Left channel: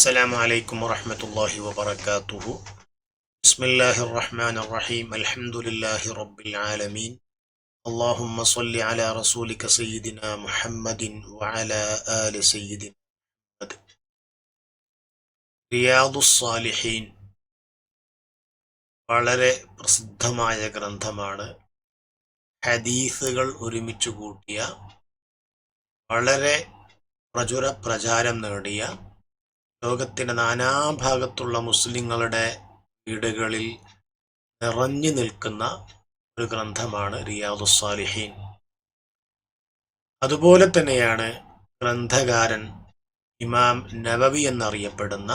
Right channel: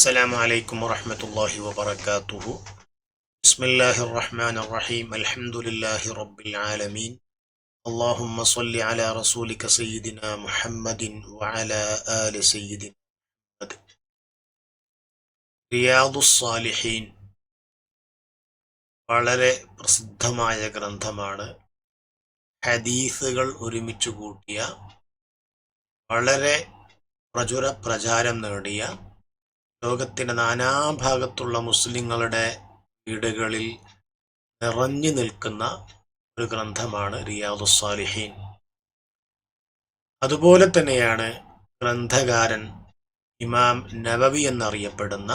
السلام عليكم ورحمة الله وبركاته. بسم الله الرحمن الرحيم. الحمد لله رب العالمين. اللهم صل على رسولك سيدنا محمد وعلى آل سيدنا محمد. റിയാദുസ് സാലിഹീൻ വളരെ പ്രസിദ്ധമായ ഗ്രന്ഥമാണ്. ഹദീസുകൾ ഒരുമിച്ച് കൂട്ടിയ, വളരെ പ്രചാരം നേടിയ, ലോകത്തിൻ്റെ നാനാഭാഗത്തുള്ള മുസ്ലിങ്ങളുടെ വീടുകളിൽ നിറഞ്ഞു നിൽക്കുന്ന ഒരു ഗ്രന്ഥമാണ് റിയാദുസ് സാലിഹീൻ. അതുപോലെ തന്നെയാണ് ഗ്രന്ഥകാരൻ ഇമാം നവവി എന്നറിയപ്പെടുന്ന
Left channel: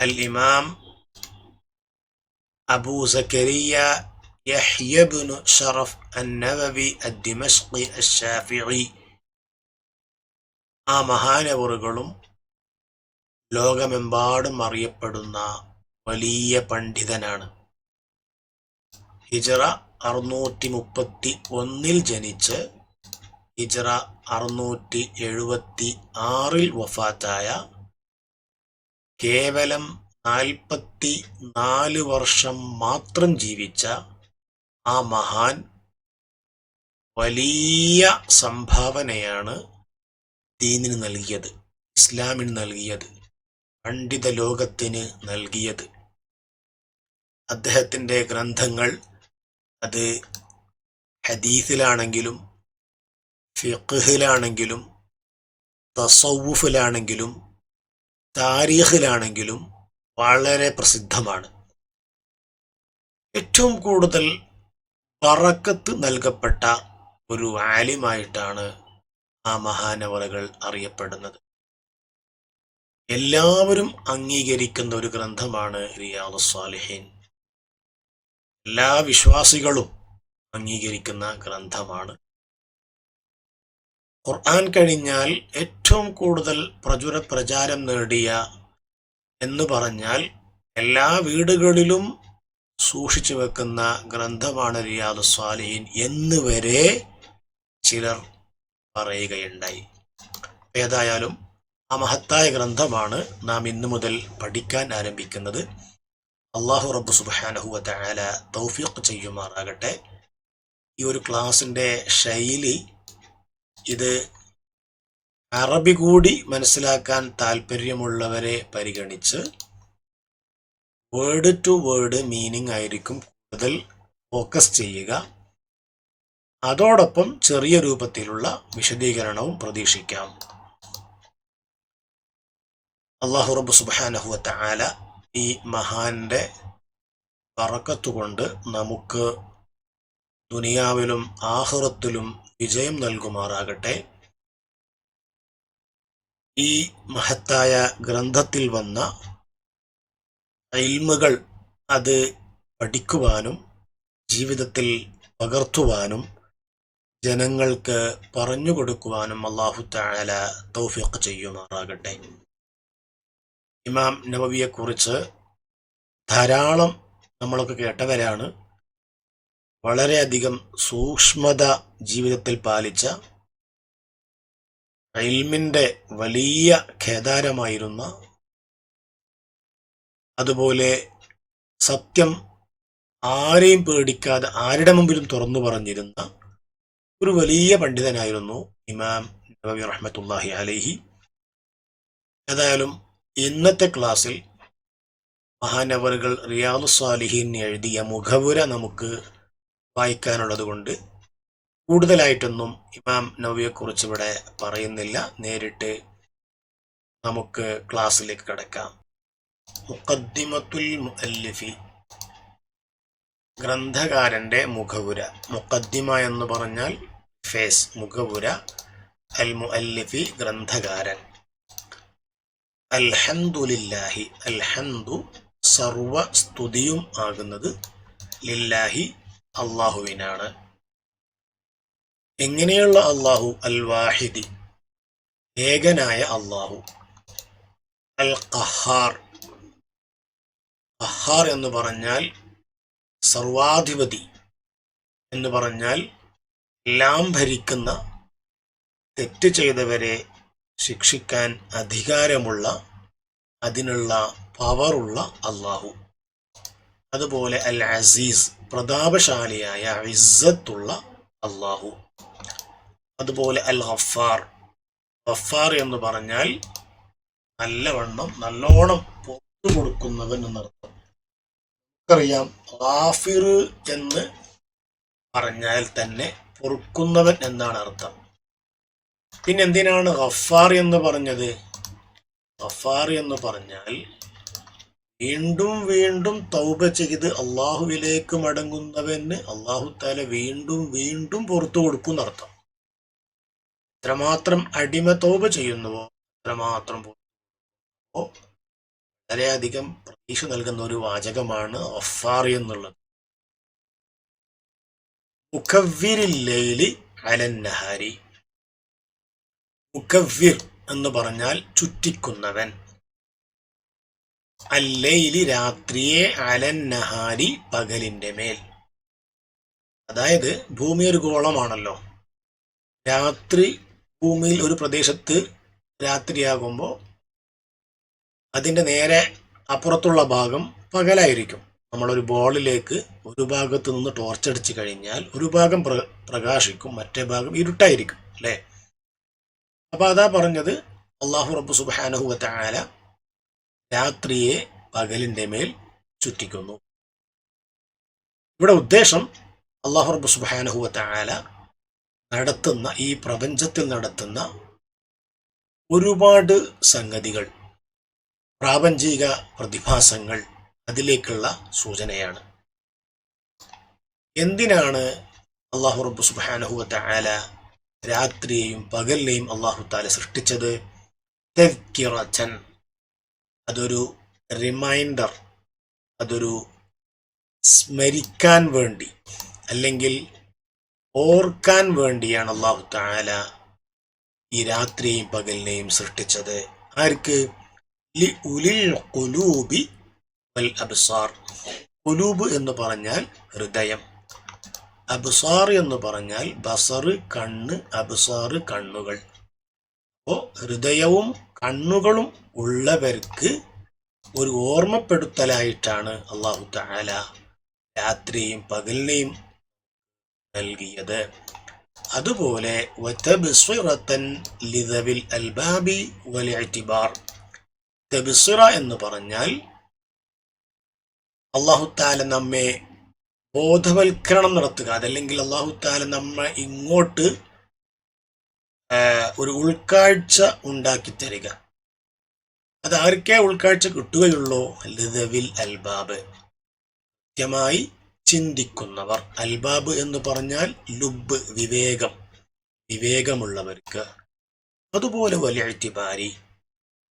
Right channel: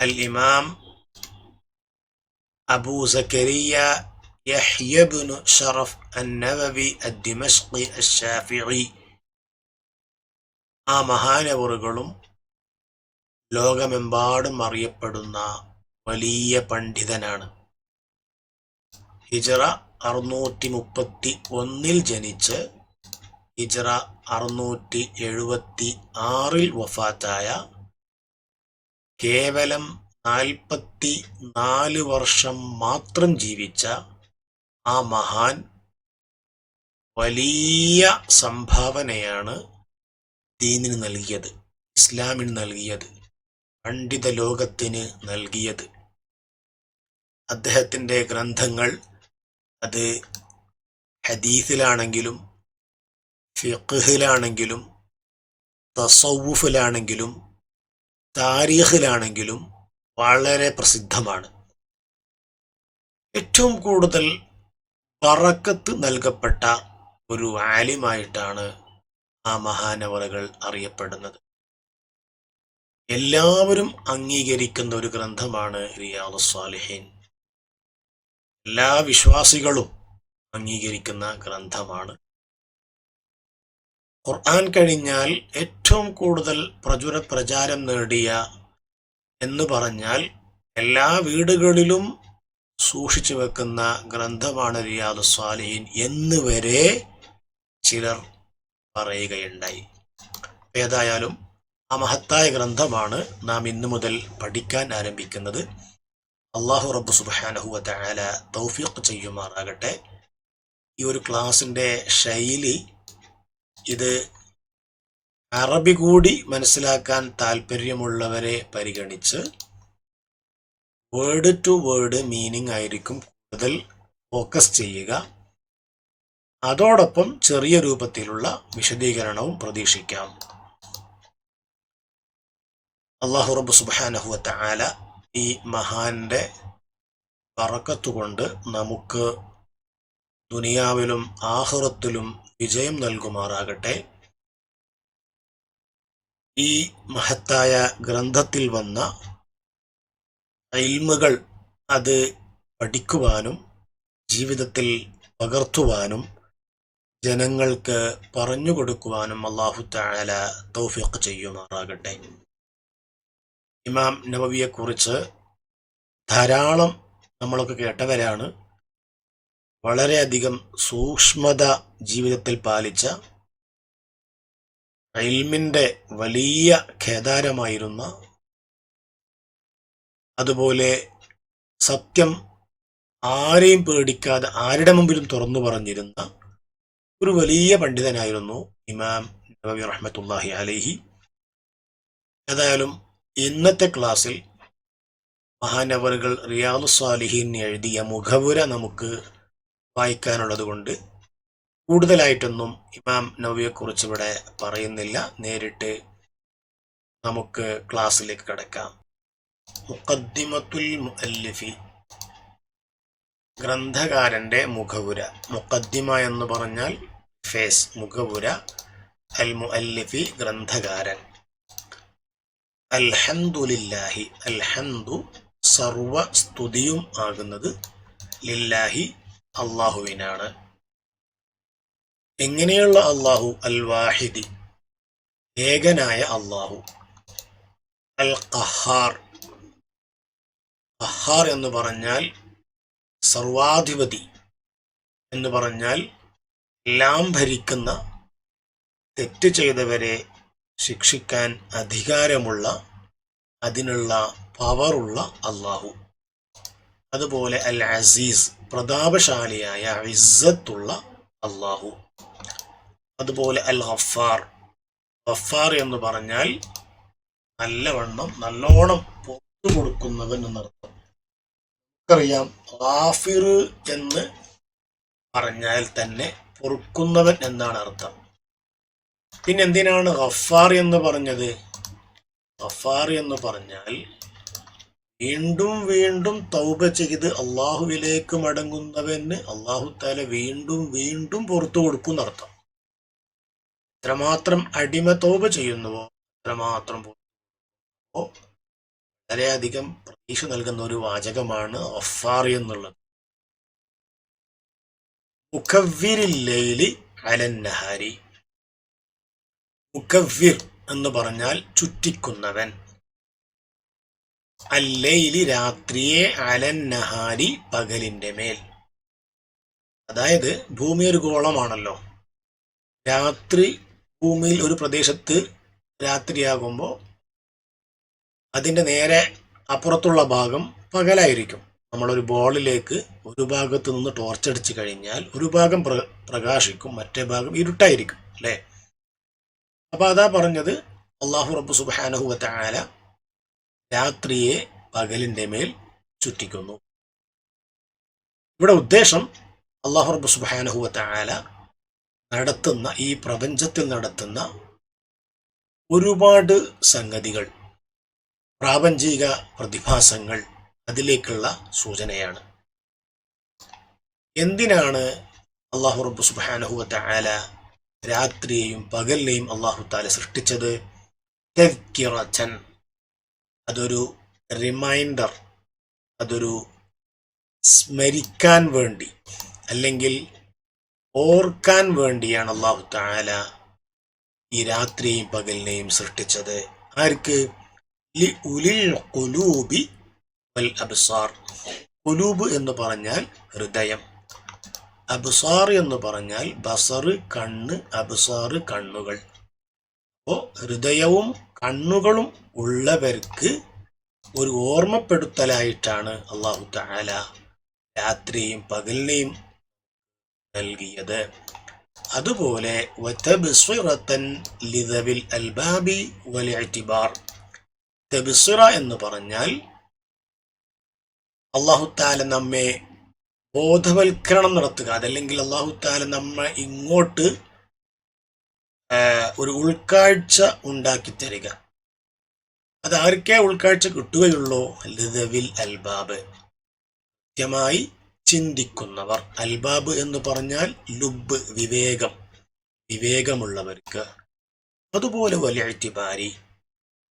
അൽ ഇമാം അബൂ സക്കരിയ യഹ്യ ഇബ്നു ശറഫ് അൻ-നവവി അദ്-ദിമശ്ഖി അശ്-ശാഫിഈ. ആ മഹാനവറുകളും ലോകമെമ്പാടും അറിയപ്പെടുന്ന വലിയ പണ്ഡിതനാണ്. ഹിജ്റ 631 ജനിച്ച് ഹിജ്റ 676 വഫാത്തായ, കേവലം 44 വർഷം മാത്രം ജീവിച്ച ആ മഹാൻ വലിയ സംഭാവനയാണ് ദീനിന് നൽകിയത്, ഇസ്ലാമിന് നൽകിയത്, പണ്ഡിത ലോകത്തിന് നൽകിയത്. അദ്ദേഹത്തിൻ്റെ ഗ്രന്ഥങ്ങൾ അത് ഹദീസിലാണെങ്കിലും ഫിഖ്ഹിലാണെങ്കിലും തസവുഫിലാണെങ്കിലും താരീഖിലാണെങ്കിലും വളരെ പ്രസിദ്ധമാണ്. ഏറ്റവും കൂടുതൽ ബറക്കത്ത് നൽകപ്പെട്ട ഒരു ആലിമായിട്ടാണ് ആ മഹാനവറുകൾ അറിയപ്പെടുന്നത്. എല്ലാവരും അംഗീകരിക്കുന്ന ഒരു ഗ്രന്ഥമാണ് റിയാദുസ് സാലിഹീൻ. എല്ലാ വിശ്വാസികളും അംഗീകരിക്കുന്ന ഗ്രന്ഥമാണ്. ഖുർആൻ കഴിഞ്ഞാൽ ഏറ്റവും കൂടുതൽ പ്രചാരം നേടിയ എന്ന് പറഞ്ഞാൽ എല്ലാ വീടുകളിലും സൂക്ഷിച്ചു വെക്കുന്ന ഗ്രന്ഥമാണ് റിയാദുസ് സാലിഹീൻ എന്ന് വരെ ചിലർ പറയുകയുണ്ടായി. ഏതായാലും ആ മഹത്തായ ഗ്രന്ഥമാണ് നാം ഇന്നു മുതൽ പഠിക്കാൻ ആരംഭിക്കുന്നത്. അല്ലാഹു റബ്ബ് സുബ്ഹാനഹു വ തആല തൗഫീഖ് ചെയ്യുമാറാകട്ടെ. ഈ ഒരു ക്ലാസിൻ്റെ ശൈലി, ഇത് അറബി കൂടി മനസ്സിലാക്കാൻ താല്പര്യമുള്ളവരെ പരിഗണിച്ച് വേർഡ് ടു വേർഡ് മീനിങ് ആയിരിക്കും കൂടുതൽ ഫോക്കസ് ചെയ്യുക. അതോടൊപ്പം ചെറിയ രൂപത്തിലുള്ള വിശദീകരണവും പ്രതീക്ഷിക്കാം. അല്ലാഹു റബ്ബ് സുബ്ഹാനഹു വ തആല ഈ മഹാന്റെ ബറക്കത്ത് കൊണ്ട് നമുക്ക് ദുനിയാവിലും ആഖിറത്തിലും വിജയം നൽകുമാറാകട്ടെ. ഈ മഹത്തായ ഗ്രന്ഥത്തിൽ വന്ന ഇൽമുകൾ അത് പഠിക്കുവാനും ജീവിതത്തിൽ പകർത്തുവാനും ജനങ്ങൾക്ക് പറഞ്ഞു കൊടുക്കുവാനും അല്ലാഹു തആല തൗഫീഖ് ചെയ്യുമാറാകട്ടെ. ഇമാം നവവിയെക്കുറിച്ച് ധാരാളം നമ്മളൊക്കെ കേട്ടവരാണ്. വളരെയധികം സൂക്ഷ്മത ജീവിതത്തിൽ പാലിച്ച, ഇൽമിൻ്റെ വലിയ കേദാരമായിരുന്ന, അതുപോലെ സത്യം ആരെയും പേടിക്കാതെ ആരുടെ മുമ്പിലും തുറന്നു പറഞ്ഞിരുന്ന ഒരു വലിയ പണ്ഡിതനായിരുന്നു ഇമാം നവവി റഹ്മത്തുള്ളാഹി അലൈഹി. ഏതായാലും ഇന്നത്തെ ക്ലാസ്സിൽ മഹാനവറുകൾ റിയാദുസ് സാലിഹീൻ എഴുതിയ മുഖവുര നമുക്ക് വായിക്കാനുള്ളത് കൊണ്ട് കൂടുതലായിട്ടൊന്നും ഇമാം നവവിയെക്കുറിച്ച് ഇവിടെ പറയുന്നില്ല. നേരിട്ട് നമുക്ക് ക്ലാസ്സിലേക്ക് കടക്കാം. മുഖദ്ദിമത്തുൽ മുഅല്ലിഫി, ഗ്രന്ഥകാരൻ്റെ മുഖവുര. മുഖദ്ദിമ എന്ന് പറഞ്ഞാൽ ഫേസ്, മുഖവുര. അൽ മുഅല്ലിഫി, ഗ്രന്ഥകാരൻ. അൽഹംദുലില്ലാഹി, അൽഹംദു സർവ സ്തുതിയും ആകുന്നത് ലില്ലാഹി അല്ലാഹുവിനാണ്. എങ്ങനെയുള്ള അല്ലാഹു? അൽ വാഹിദി, ഏകനായ അല്ലാഹു. അൽ ഖഹാർ, ഖഹാർ എന്ന് പറഞ്ഞാൽ സർവാധിപതി എന്ന് പറഞ്ഞാൽ എല്ലാം ഭരിക്കുന്ന, തെറ്റ് ചെയ്തവരെ ശിക്ഷിക്കാൻ അധികാരമുള്ള അതിനുള്ള പവറുള്ള അള്ളാഹു. അതുപോലെ അൽ അസീസ്, പ്രതാപശാലിയായ ഇസ്സത്തുള്ള അള്ളാഹു. അതുപോലെ അൽ ഗഫാർ, ഗഫാർ എന്ന് പറഞ്ഞാൽ നല്ലോണം പുറത്തു കൊടുക്കുന്നവൻ എന്നർത്ഥം. നമുക്കറിയാം ഗാഫിർ എന്ന് പറഞ്ഞാൽ തന്നെ പൊറുക്കുന്നവൻ എന്നാണ് അർത്ഥം. പിന്നെ എന്തിനാണ് ഗഫാർ എന്ന് പറഞ്ഞത്? ഗഫാർ എന്ന് പറഞ്ഞാൽ വീണ്ടും വീണ്ടും തൗബ ചെയ്ത് അള്ളാഹുവിലേക്ക് മടങ്ങുന്നവന് അള്ളാഹു തആല വീണ്ടും വീണ്ടും പുറത്തു കൊടുക്കും എന്നർത്ഥം. എത്രമാത്രം അടിമ തൗബ ചെയ്യുന്നുവോ അത്രമാത്രം വളരെയധികം പ്രതീക്ഷ നൽകുന്ന ഒരു വാചകമാണ് ഗഫാർ എന്നുള്ളത്. മുകവ്വിരിൽ ലൈലി അലൻ നഹാരി, മുകവ്വിർ എന്ന് പറഞ്ഞാൽ ചുറ്റിക്കുന്നവൻ, അല്ലൈലി രാത്രിയെ, അലൻ നഹാരി പകലിന്റെ മേൽ. അതായത് ഭൂമി ഒരു ഗോളമാണല്ലോ. രാത്രി ഭൂമിയിൽ ഒരു പ്രദേശത്ത് രാത്രിയാകുമ്പോൾ അതിൻ്റെ നേരെ അപ്പുറത്തുള്ള ഭാഗം പകലായിരിക്കും. നമ്മളൊരു ബോളിലേക്ക് ഒരു ഭാഗത്ത് നിന്ന് ടോർച്ചടിച്ച് കഴിഞ്ഞാൽ ഒരു ഭാഗം പ്രകാശിക്കും, മറ്റേ ഭാഗം ഇരുട്ടായിരിക്കും അല്ലേ? അപ്പൊ അതാ പറഞ്ഞത്, അള്ളാഹു റബ്ബ് സുബ്ഹാനഹു വ തആല രാത്രിയെ പകലിന്റെ മേൽ ചുറ്റിക്കുന്നു. ഇവിടെ ഉദ്ദേശം അള്ളാഹു റബ്ബ് സുബ്ഹാനഹു വ തആല നടത്തുന്ന ഈ പ്രപഞ്ചത്തിൽ നടത്തുന്ന ഒരുപാട് സംഗതികൾ, പ്രാപഞ്ചിക പ്രതിഭാസങ്ങൾ, അതിലേക്കുള്ള സൂചനയാണ്. എന്തിനാണ് അള്ളാഹു റബ്ബ് സുബ്ഹാനഹു വ തആല രാത്രിയെയും പകലിനെയും അള്ളാഹു തആല സൃഷ്ടിച്ചത്? തദ്കിറതൻ, അതൊരു റിമൈൻഡർ, അതൊരു സ്മരിക്കാൻ വേണ്ടി അല്ലെങ്കിൽ ഓർക്കാൻ വേണ്ടിയാണ് അള്ളാഹു തആല ഈ രാത്രിയെയും പകലിനെയും സൃഷ്ടിച്ചത്. ആർക്ക്? ലി ഉലിൽ ഖുലൂബി വൽ അബ്സാർ. ഖുലൂബ് എന്ന് പറഞ്ഞാൽ ഹൃദയം, അബ്സാർ എന്ന് പറഞ്ഞാൽ ബസർ കണ്ണ്, അബ്സാർ കണ്ണുകൾ. അപ്പോൾ ഹൃദയവും കണ്ണുകളും ഉള്ളവർക്ക് ഒരു ഓർമ്മപ്പെടുത്തലായിട്ടാണ് അള്ളാഹു തആല രാത്രിയും പകലിനെയും നൽകിയത്. അതുപോലെ വതബ്സിറതൻ ലിദവിൽ അൽബാബി വൽ ഇഅ്തിബാർ. തബ്സിറ എന്ന് പറഞ്ഞാൽ അള്ളാഹു തആല നമ്മെ ബോധവൽക്കരണം നടത്തുക, അതല്ലെങ്കിൽ അള്ളാഹു തആല നമ്മെ ഇങ്ങോട്ട് ഒരു ഉൾക്കാഴ്ച ഉണ്ടാക്കി തരിക. അത് ആർക്കേ ഉൾക്കാഴ്ച കിട്ടുകയുള്ളൂ? ലിദവിൽ അൽബാബ്, കൃത്യമായി ചിന്തിക്കുന്നവർ. അൽബാബ് എന്ന് പറഞ്ഞാൽ ലുബ്, വിവേകം, വിവേകമുള്ളവർക്ക്. അതുപോലെ വലിയ ഇഅ്തിബാരി,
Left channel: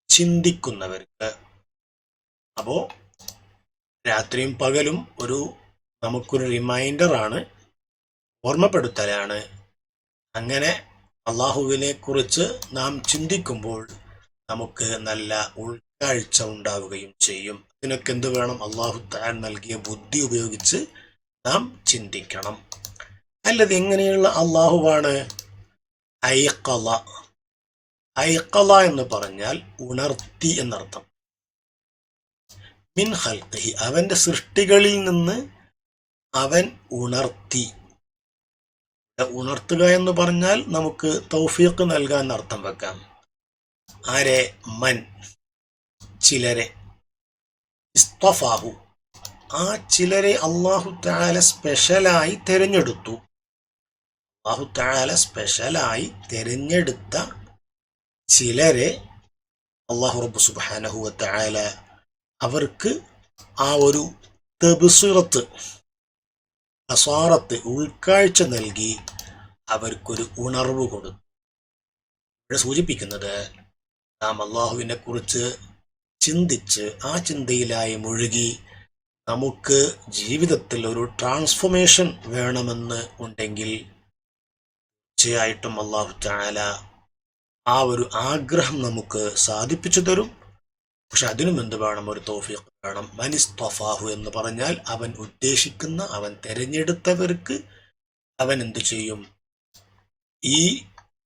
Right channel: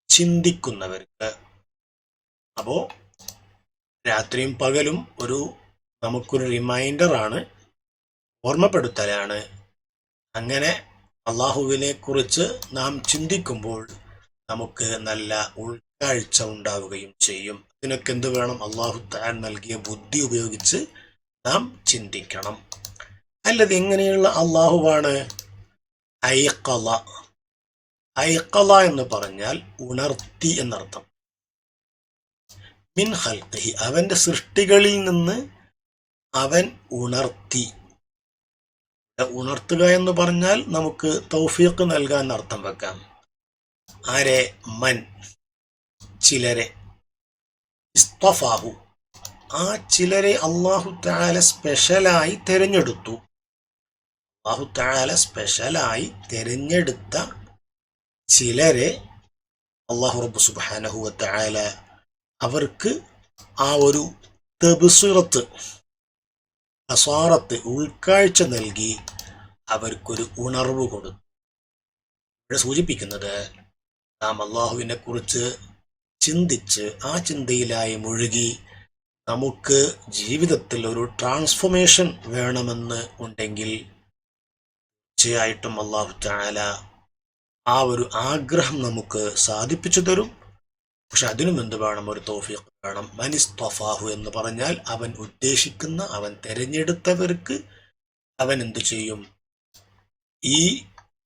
ചിന്തിക്കുന്നവർക്ക്. അപ്പോ രാത്രിയും പകലും നമുക്കൊരു റിമൈൻഡറാണ്, ഓർമ്മപ്പെടുത്തലാണ്. അങ്ങനെ അള്ളാഹുവിനെ കുറിച്ച് നാം ചിന്തിക്കുമ്പോൾ നമുക്ക് നല്ല ഉൾക്കാഴ്ച ഉണ്ടാവുകയും ചെയ്യും. ഇതിനൊക്കെ എന്ത് വേണം? അള്ളാഹു തആല നൽകിയ ബുദ്ധി ഉപയോഗിച്ച് നാം ചിന്തിക്കണം. അല്ലത് എങ്ങനെയുള്ള അള്ളാഹുവാണ്? ഐഖള. ഐഖള എന്ന് പറഞ്ഞാൽ ഉണർത്തി എന്നർത്ഥം. മിൻ ഖൽഖിഹി, അവന്റെ സൃഷ്ടികളിൽ നിന്ന് അവൻ ഉണർത്തി. ഉണർത്തുക എന്ന് പറഞ്ഞാൽ നമുക്ക് തൗഫീഖ് നൽകാൻ അർത്ഥം വെക്കാം. ആരെ? മൻ, ചിലരെ. ഇസ്തഫാഹു, ആ ചിലരെ അല്ലാഹു തആല സ്പെഷ്യലായി തിരഞ്ഞെടുത്തു. അല്ലാഹു തആല സ്പെഷ്യലായി തിരഞ്ഞെടുത്ത ചിലരെ അല്ലാഹു റബ്ബ് സുബ്ഹാനഹു വ തആല അവർക്ക് ആ ഒരു തബ്സിറത്ത്, ബസാറത്ത്, ഉൾക്കാഴ്ച നൽകി അവർക്കൊരു ഉണർവ് കൊടുത്തു. ഇവിടെ സൂചിപ്പിക്കുന്നത് നാം അള്ളാഹുവിനെ കുറിച്ച് ചിന്തിച്ച് ആ ചിന്തയിലായി മുഴുകി നമുക്ക് ജീവിതത്തിൽ ഒരു ട്രാൻസ്ഫോർമേഷൻ വേണമെന്ന് ഉണ്ടെങ്കിൽ തീർച്ചയായിട്ടും അള്ളാഹു തആല ആ ഒരു ആഗ്രഹം നമുക്ക് സാധിപ്പിച്ചു തരും. പക്ഷെ അതിനും എന്ത് വേണം? ഒരു തൗഫീഖ് വേണം. മനിസ്തഫാഹു എന്ന് പറഞ്ഞാൽ അവൻ ഉദ്ദേശിക്കുന്ന, അവൻ തിരഞ്ഞെടുത്തവർക്ക് അവൻ എന്ത് ചെയ്യും? ഈ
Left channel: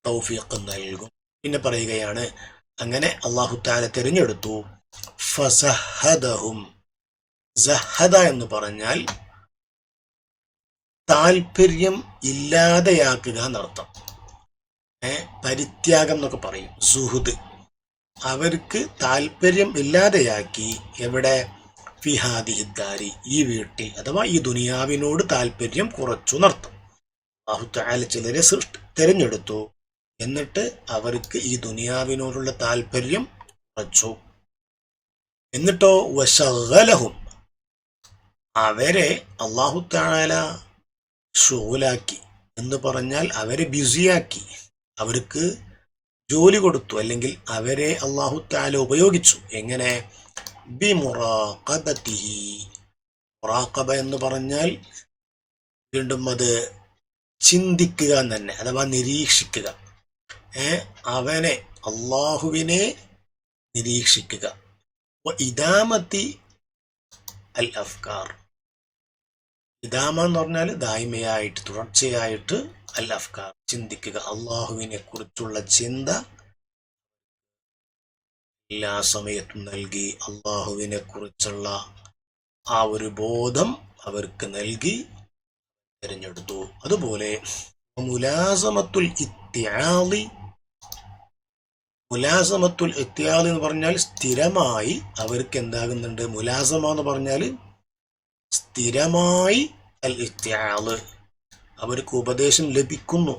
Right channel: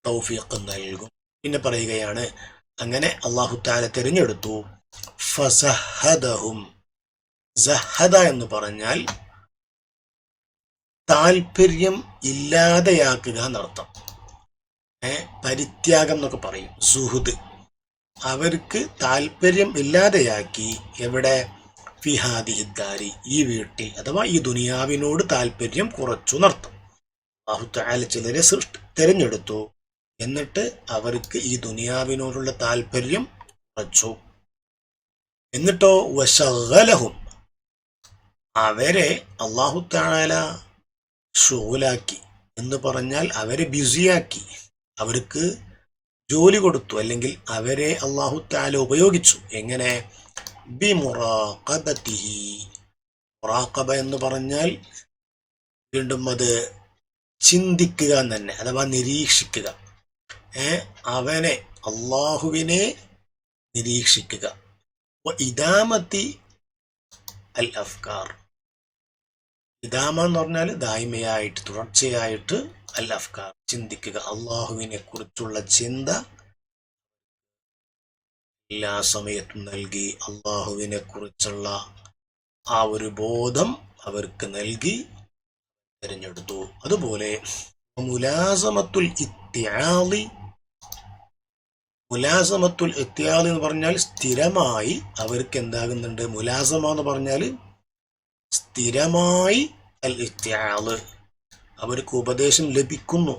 തൗഫീഖ് നൽകും. പിന്നെ പറയുകയാണ്, അങ്ങനെ അല്ലാഹു തആല തിരഞ്ഞെടുത്തു. ഫസഹദഹും. സഹദ എന്ന് പറഞ്ഞാൽ താല്പര്യം ഇല്ലാതെയാക്കുക എന്നർത്ഥം. പരിത്യാഗം എന്നൊക്കെ പറയും. സുഹൃദ്, അവർക്ക് താല്പര്യം ഇല്ലാതെയാക്കി. എവിടെ? ഫിഹാദിഹിദ്ദാരി, ഈ വീട്ടിൽ, അഥവാ ഈ ദുനിയാവിനോട് താല്പര്യം കുറച്ചു എന്നർത്ഥം. അല്ലാഹു തആല ചിലരെ തിരഞ്ഞെടുത്തു, എന്നിട്ട് അവർക്ക് ഈ ദുനിയാവിനോടുള്ള താല്പര്യം കുറച്ചു. എന്നിട്ടോ വശഗലഹും, അവരെ അല്ലാഹു തആല ഷുഗലാക്കി എന്ന് പറഞ്ഞാൽ അവരെ ബിസിയാക്കി, അവർക്ക് ജോലി കൊടുത്തു, അല്ലെങ്കിൽ അവരെ അല്ലാഹു തആല ഉപയോഗിച്ചു. എങ്ങനെ? ബിമുറാഖബതിഹി. മുറാഖബ എന്ന് പറഞ്ഞാൽ വീണ്ടും അത് ചിന്തിക്കുക തന്നെ, അഥവാ നിരീക്ഷിക്കുക. അവനെ, അള്ളാഹുവിനെ നിരീക്ഷിക്കുക. ഇദാമത്തി അൽ അഫ്കാർ. ഇദാമ എന്ന് പറഞ്ഞാൽ ദായിമയായിട്ട്, തുടർച്ചയായിട്ട്, അൽ അഫ്കാർ, ചിന്തിക്കുക. അള്ളാഹുവിനെ കുറിച്ചുള്ള ചിന്ത എല്ലാ സമയത്തും നൽകി. അള്ളാഹുവിനെ കുറിച്ചുള്ള ആ ഒരു ബോധം അവർക്ക് നൽകി തിരഞ്ഞെടുത്തു. അതുപോലെ മുലാസമത്തുൽ ഇത്തിആളി. മുലാസമത്തുൽ ഇത്തിആളി എന്ന് പറഞ്ഞാൽ സ്ഥിരമായി അവർക്ക് എന്താകുന്നുണ്ട്? മുലാസമ എന്ന് പറഞ്ഞാൽ സ്ഥിരമായി അൽ ഇത്തിആള്, അവർക്ക് ഉപദേശം ലഭിക്കുന്നു.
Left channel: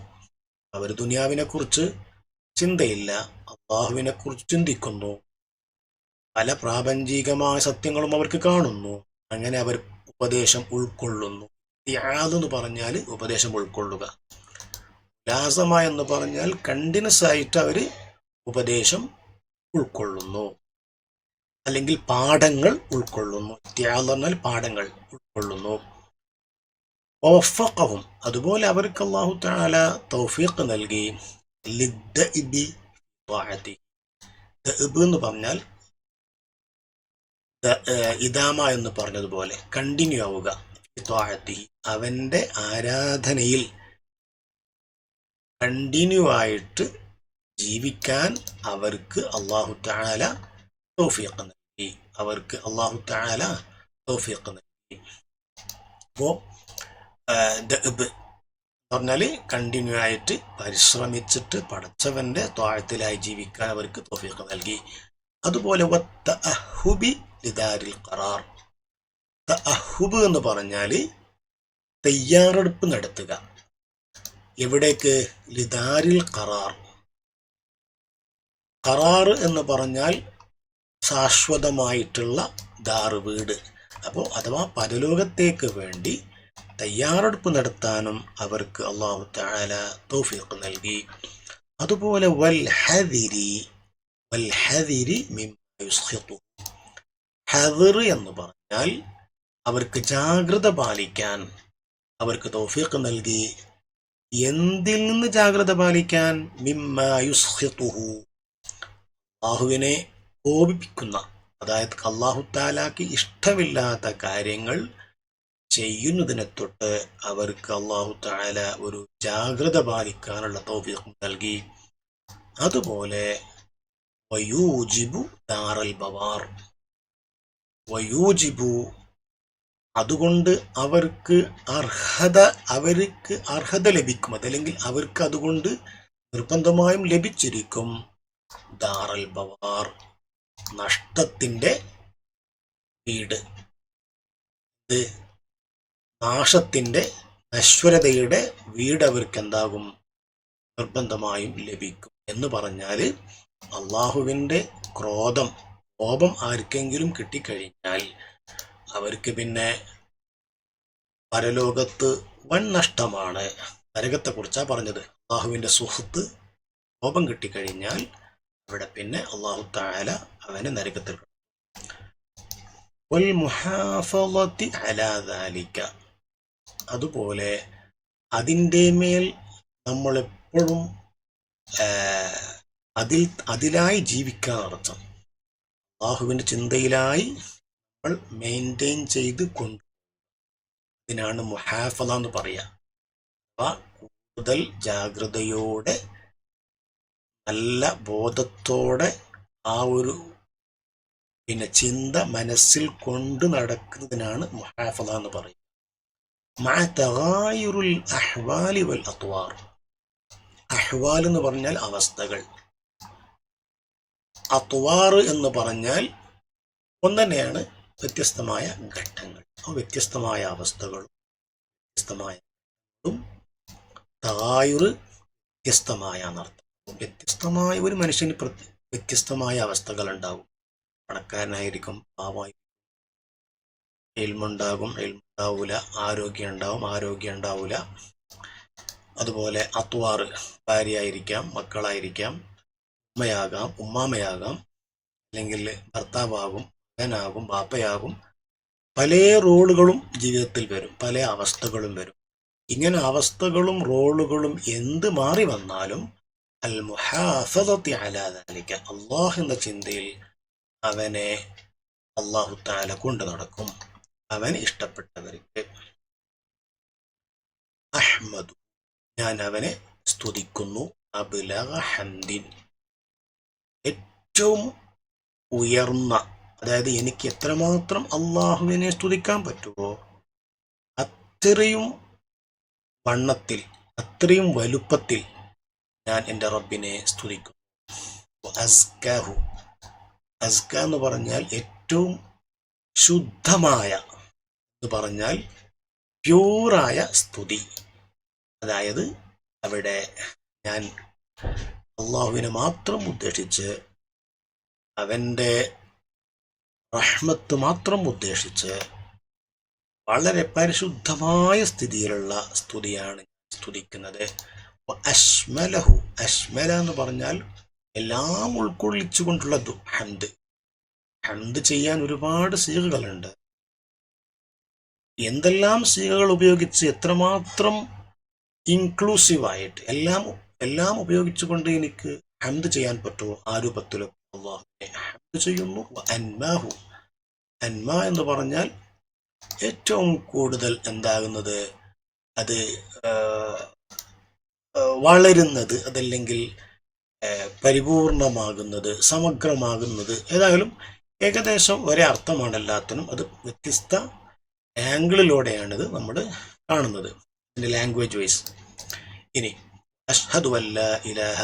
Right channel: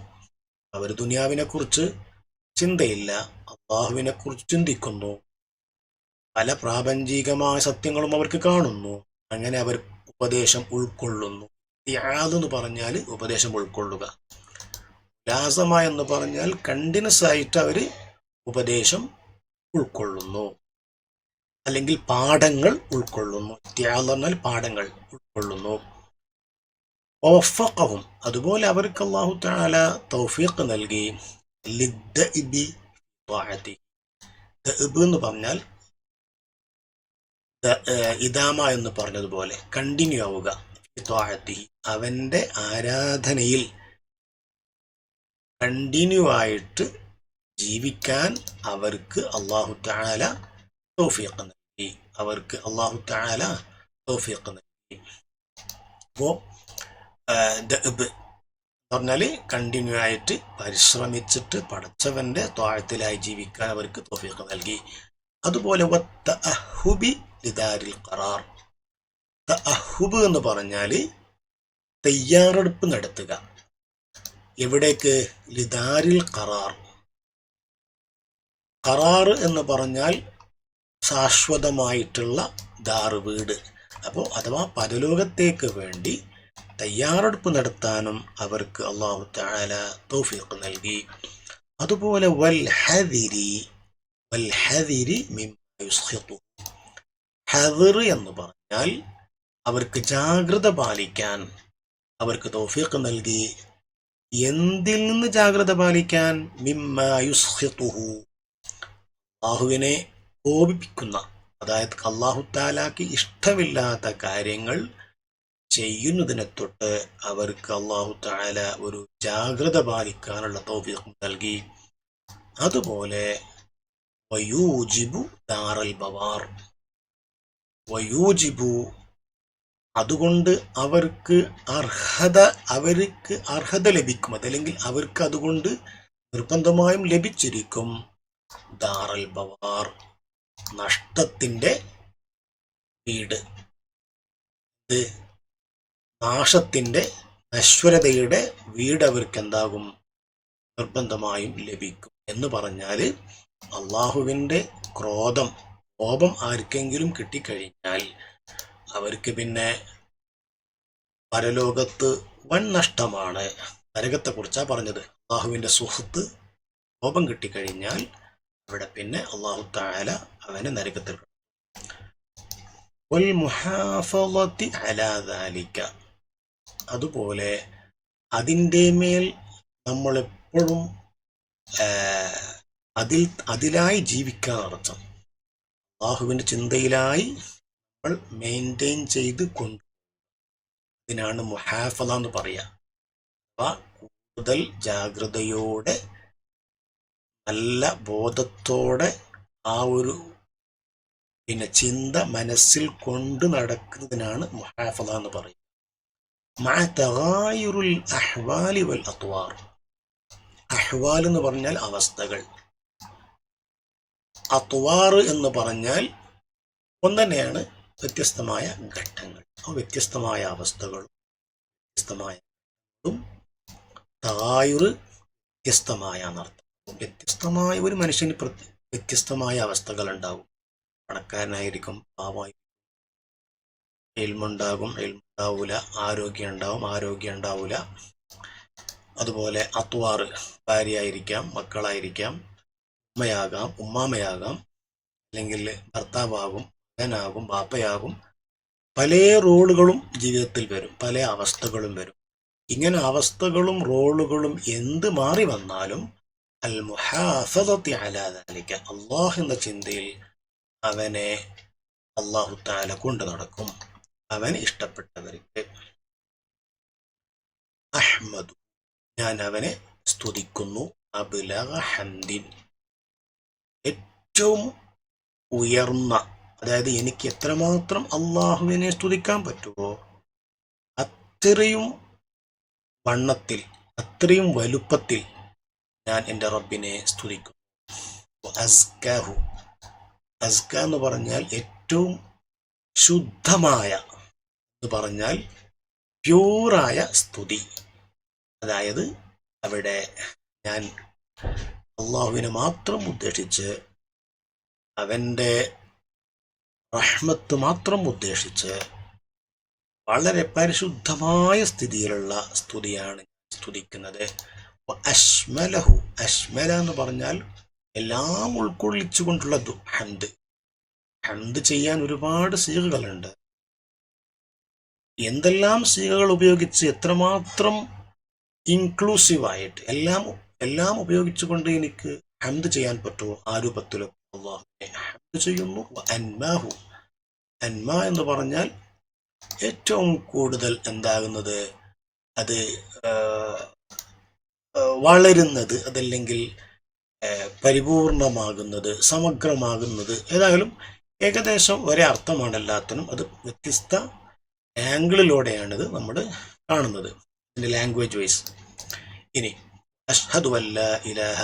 അവർ ദുനിയാവിനെ കുറിച്ച് ചിന്തയില്ല, അള്ളാഹുവിനെ കുറിച്ച് ചിന്തിക്കുന്നു. പല പ്രാപഞ്ചികമായ സത്യങ്ങളും അവർക്ക് കാണുന്നു. അങ്ങനെ അവർ ഉപദേശം ഉൾക്കൊള്ളുന്നു. എന്ന് പറഞ്ഞാൽ ഉപദേശം ഉൾക്കൊള്ളുക. ലാസമ എന്ന് പറഞ്ഞാൽ കണ്ടിന്യൂസ് ആയിട്ട് അവർ ഉപദേശം ഉൾക്കൊള്ളുന്നു, അല്ലെങ്കിൽ പാഠങ്ങൾ ഉൾക്കൊള്ളുന്നു. എന്ന് പറഞ്ഞാൽ പാഠങ്ങൾ ഉൾക്കൊള്ളുന്നു. വഫഖഹും, അതുപോലെ അവർക്ക് അല്ലാഹു തആല തൗഫീഖ് നൽകി. ലിദ്ദഇബി ത്വാഅതി. ദഅബ് എന്ന് പറഞ്ഞാൽ ഇദാമ എന്ന് പറഞ്ഞതുപോലെ കണ്ടിന്യൂ ആവുക. അവന്റെ ആരാധനയിൽ കണ്ടിന്യൂ ആയിട്ട് ജീവിക്കാൻ അവർക്ക് അല്ലാഹു തആല തൗഫീഖ് നൽകി. അവർക്ക് അല്ലാഹു തആല തൗഫീഖ് നൽകി. അപ്പോൾ ദഅബ് എന്ന് പറഞ്ഞാൽ കണ്ടിന്യൂ ആയിട്ട് പരിശ്രമിച്ചിട്ട് പടച്ചവന്റെ ത്വാഅത്തിലായി ജീവിക്കാൻ അവർക്ക് തൗഫീഖ് നൽകി. അതുപോലെ വത്തഅഹുബി ലിദാരിൽ ഖറാർ. തഅഹുബ് എന്ന് പറഞ്ഞാൽ തയ്യാറെടുപ്പ് നടത്തുക. എവിടേക്ക്? ലിദാരിൽ ഖറാർ. ഖറാർ എന്ന് പറഞ്ഞാൽ ശാശ്വതമായിട്ടുള്ള ദാറ്, വീട്. അപ്പോൾ അഥവാ പരലോകത്തേക്ക് വേണ്ടി തയ്യാറെടുപ്പ് നടത്താനും അവർക്ക് അല്ലാഹു തആല തൗഫീഖ് നൽകി. അതുപോലെ വൽ ഹദിരി മിമ്മ യുസ്ഖിതു. ഹദർ എന്ന് പറഞ്ഞാൽ അവർക്ക് ജാഗ്രത പാലിക്കാൻ അവർക്ക് തൗഫീഖ് നൽകി. എന്തിൽ നിന്ന് ജാഗ്രത പാലിക്കാൻ? മിമ്മ യുസ്ഖിതുഹു, അല്ലാഹുവിനെ കോപിപ്പിക്കുന്ന, അതായത് അല്ലാഹു തആലക്ക് ഇഷ്ടമില്ലാത്ത കാര്യങ്ങൾ ചെയ്യുന്നതിനെ തൊട്ട് അവർക്ക് അല്ലാഹു തആല ഒരു ജാഗ്രത പാലിക്കാനുള്ള തൗഫീഖ് നൽകി. അതുപോലെ വയൂജിബു ദാറൽ ബവാർ. വയൂജിബു, അതുകൊണ്ട് അവർക്ക് അർഹത ലഭിക്കും, അതല്ലെങ്കിൽ അവർക്ക് അതുകൊണ്ട് നിർബന്ധമായും ലഭിച്ചിരിക്കും. ദാറൽ ബവാർ, നഷ്ടത്തിന്റെ വീട്, നാശത്തിന്റെ, നശ്വരതയുടെ വീട് അവർക്ക് എന്താകും? നിർബന്ധമായും ലഭിക്കും. എന്ന് പറഞ്ഞാൽ അള്ളാഹുവിന്റെ കോപം ആർക്കെങ്കിലും കിട്ടിക്കഴിഞ്ഞാൽ അവർക്ക് പിന്നെ പരലോകത്ത് വൻ നഷ്ടമാണ്. നരകത്തെ കുറിച്ചാണ് പറഞ്ഞത്. അള്ളാഹുവിന്റെ സുഹൃത്ത് കോപം കിട്ടിക്കഴിഞ്ഞാൽ അവിടെ പിന്നെ അല്ലാഹു തആല അവനെ നരകത്തിൽ. വൽ മുഹാഫളതി അലാ ദാലിക, അതുപോലെ അതിൻ്റെ മേൽ നമ്മളെപ്പോഴും അതിലായി ജീവിക്കാൻ അർത്ഥം. അല്ലാഹുവിന്റെ ചിന്തയിലായി നമ്മൾ മെയിൻറ്റെയിൻ ചെയ്ത് കൊണ്ട്, ഇതിനാണ് മുഹാഫള എന്ന് പറയുക. അഥവാ കൂടുതൽ ജാഗ്രതയോടെ, നല്ല ബോധത്തോടെ ആ ഒരു പിന്നെ ചിന്ത മനസ്സിൽ കൊണ്ട് നടക്കുന്നതിനാണ് മുഹാഫള എന്ന് പറയുന്നത്. മഅ തഗായുറുൽ അഹ്വാലി വൽ അത്വാർ. അഹ്വാൽ എന്ന് പറഞ്ഞാൽ അവസ്ഥകൾ, അത്വാർ എന്ന് പറഞ്ഞാൽ ഒന്നെന്നെയാണ്, വ്യത്യസ്തമായ ഘട്ടങ്ങൾ. വ്യത്യസ്തമായ അവസ്ഥകളും വ്യത്യസ്തമായ തഗായുറ് വ്യത്യസ്തമായ എന്നർത്ഥം. വ്യത്യസ്തമായ ഒരു മനുഷ്യന് വ്യത്യസ്തമായ അവസ്ഥകൾ ഉണ്ടാകും. പണക്കാരനായിരിക്കും, പാവമായിരിക്കും, ഇൽമുണ്ടാകും, ഇൽമുണ്ടാവൂല, ആരോഗ്യം ഉണ്ടാവും, ആരോഗ്യം ഉണ്ടാവൂല. അതുപോലെ അത്വാറ്, ഭാര്യയായിരിക്കാം, മക്കളായിരിക്കാം, ഉമ്മയാകാം, ഉമ്മാമയാകാം, അല്ലെങ്കിൽ ഭർത്താവാകും, മകനാകും, ബാപ്പയാകും. പല റോളുകളും ജീവിതത്തിൽ വരും, പല അവസ്ഥകളും വരും. ഇങ്ങനെ അവസ്ഥകളും റോളുകളും എന്ത് മാറി വന്നാലും അൽ മുഹാഫദത്തി അലാ ദാലിക, അല്ലാഹ് എന്ന ചിന്തയിൽ അവനെ അല്ലാഹു തആല കൊണ്ടു നടക്കും. അവൻ ഇഷ്ടപ്പെട്ടവർക്ക് അഹ്മദു, ഞാൻ അവനെ സ്തുതിക്കുന്നു. അബ്ലഗ ഹംദിൻ, ഏറ്റവും ഉയർന്ന, അതായത് എനിക്ക് എത്രമാത്രം അള്ളാഹുവിനെ സ്തുതിക്കാൻ പറ്റുമോ അത്രയും വണ്ണത്തിൽ, അത്രയും വലുപ്പത്തിൽ ഞാൻ എൻ്റെ റബ്ബിനെ സ്തുതിക്കും. അസ്കാഹു, അസ്ക എന്ന് പറഞ്ഞാൽ ഏറ്റവും ശുദ്ധമായ എന്ന് പറഞ്ഞാൽ പ്യൂറായ സ്തുതി. അതായത് അവിടെ ഞാൻ അള്ളാഹുവിനെ മാത്രം ഉദ്ദേശിച്ച്, അവൻ്റെ റഹ്മത്ത് മാത്രം ഉദ്ദേശിച്ച് വളരെ പരിശുദ്ധമായ സ്ഥിതിയിലുള്ള സ്തുതിയാണ് സ്തുതിക്കുന്നത്. അശ്മലഹു, അശ്മല എന്ന് പറഞ്ഞാൽ എല്ലാം ഉൾക്കൊള്ളിച്ചുകൊണ്ടുള്ള ഹംദ്. ഹംദ് ചെയ്യാൻ ഒരുപാട് സീഗകളുണ്ട്. എന്തെല്ലാം സീഗകൾ ഉപയോഗിച്ച് എത്രമാത്രം ഇൻക്ലൂസീവായിട്ട് എല്ലാം ഉപയോഗിച്ചുകൊണ്ട് എനിക്ക് ഹംദ് ചെയ്യാൻ പറ്റുമോ ആ രൂപത്തിലും അല്ലാഹുവിനെ ഹംദ് ചെയ്യുന്നു. അൻമാഹു, അൻമ എന്ന് പറഞ്ഞാൽ ഏറ്റവും കൂടുതൽ എന്താകുന്നത്, അത് വളരുന്നത്, അതല്ലെങ്കിൽ പരിപൂർണമാകുന്നത്, സമഗ്രമാകുന്നത്, ഏതായാലും ഏകദേശം ഒരേ അർത്ഥമാണ് എല്ലാത്തിനും. അത് വ്യത്യസ്ത ആംഗിളിലൂടെയാണിത് നമ്മൾ കാണുന്നത്, ഇതിൻ്റെ ലാംഗ്വേജ് വൈസ്. ഇനി അഷ്ഹദു അല്ലാ ഇലാഹ,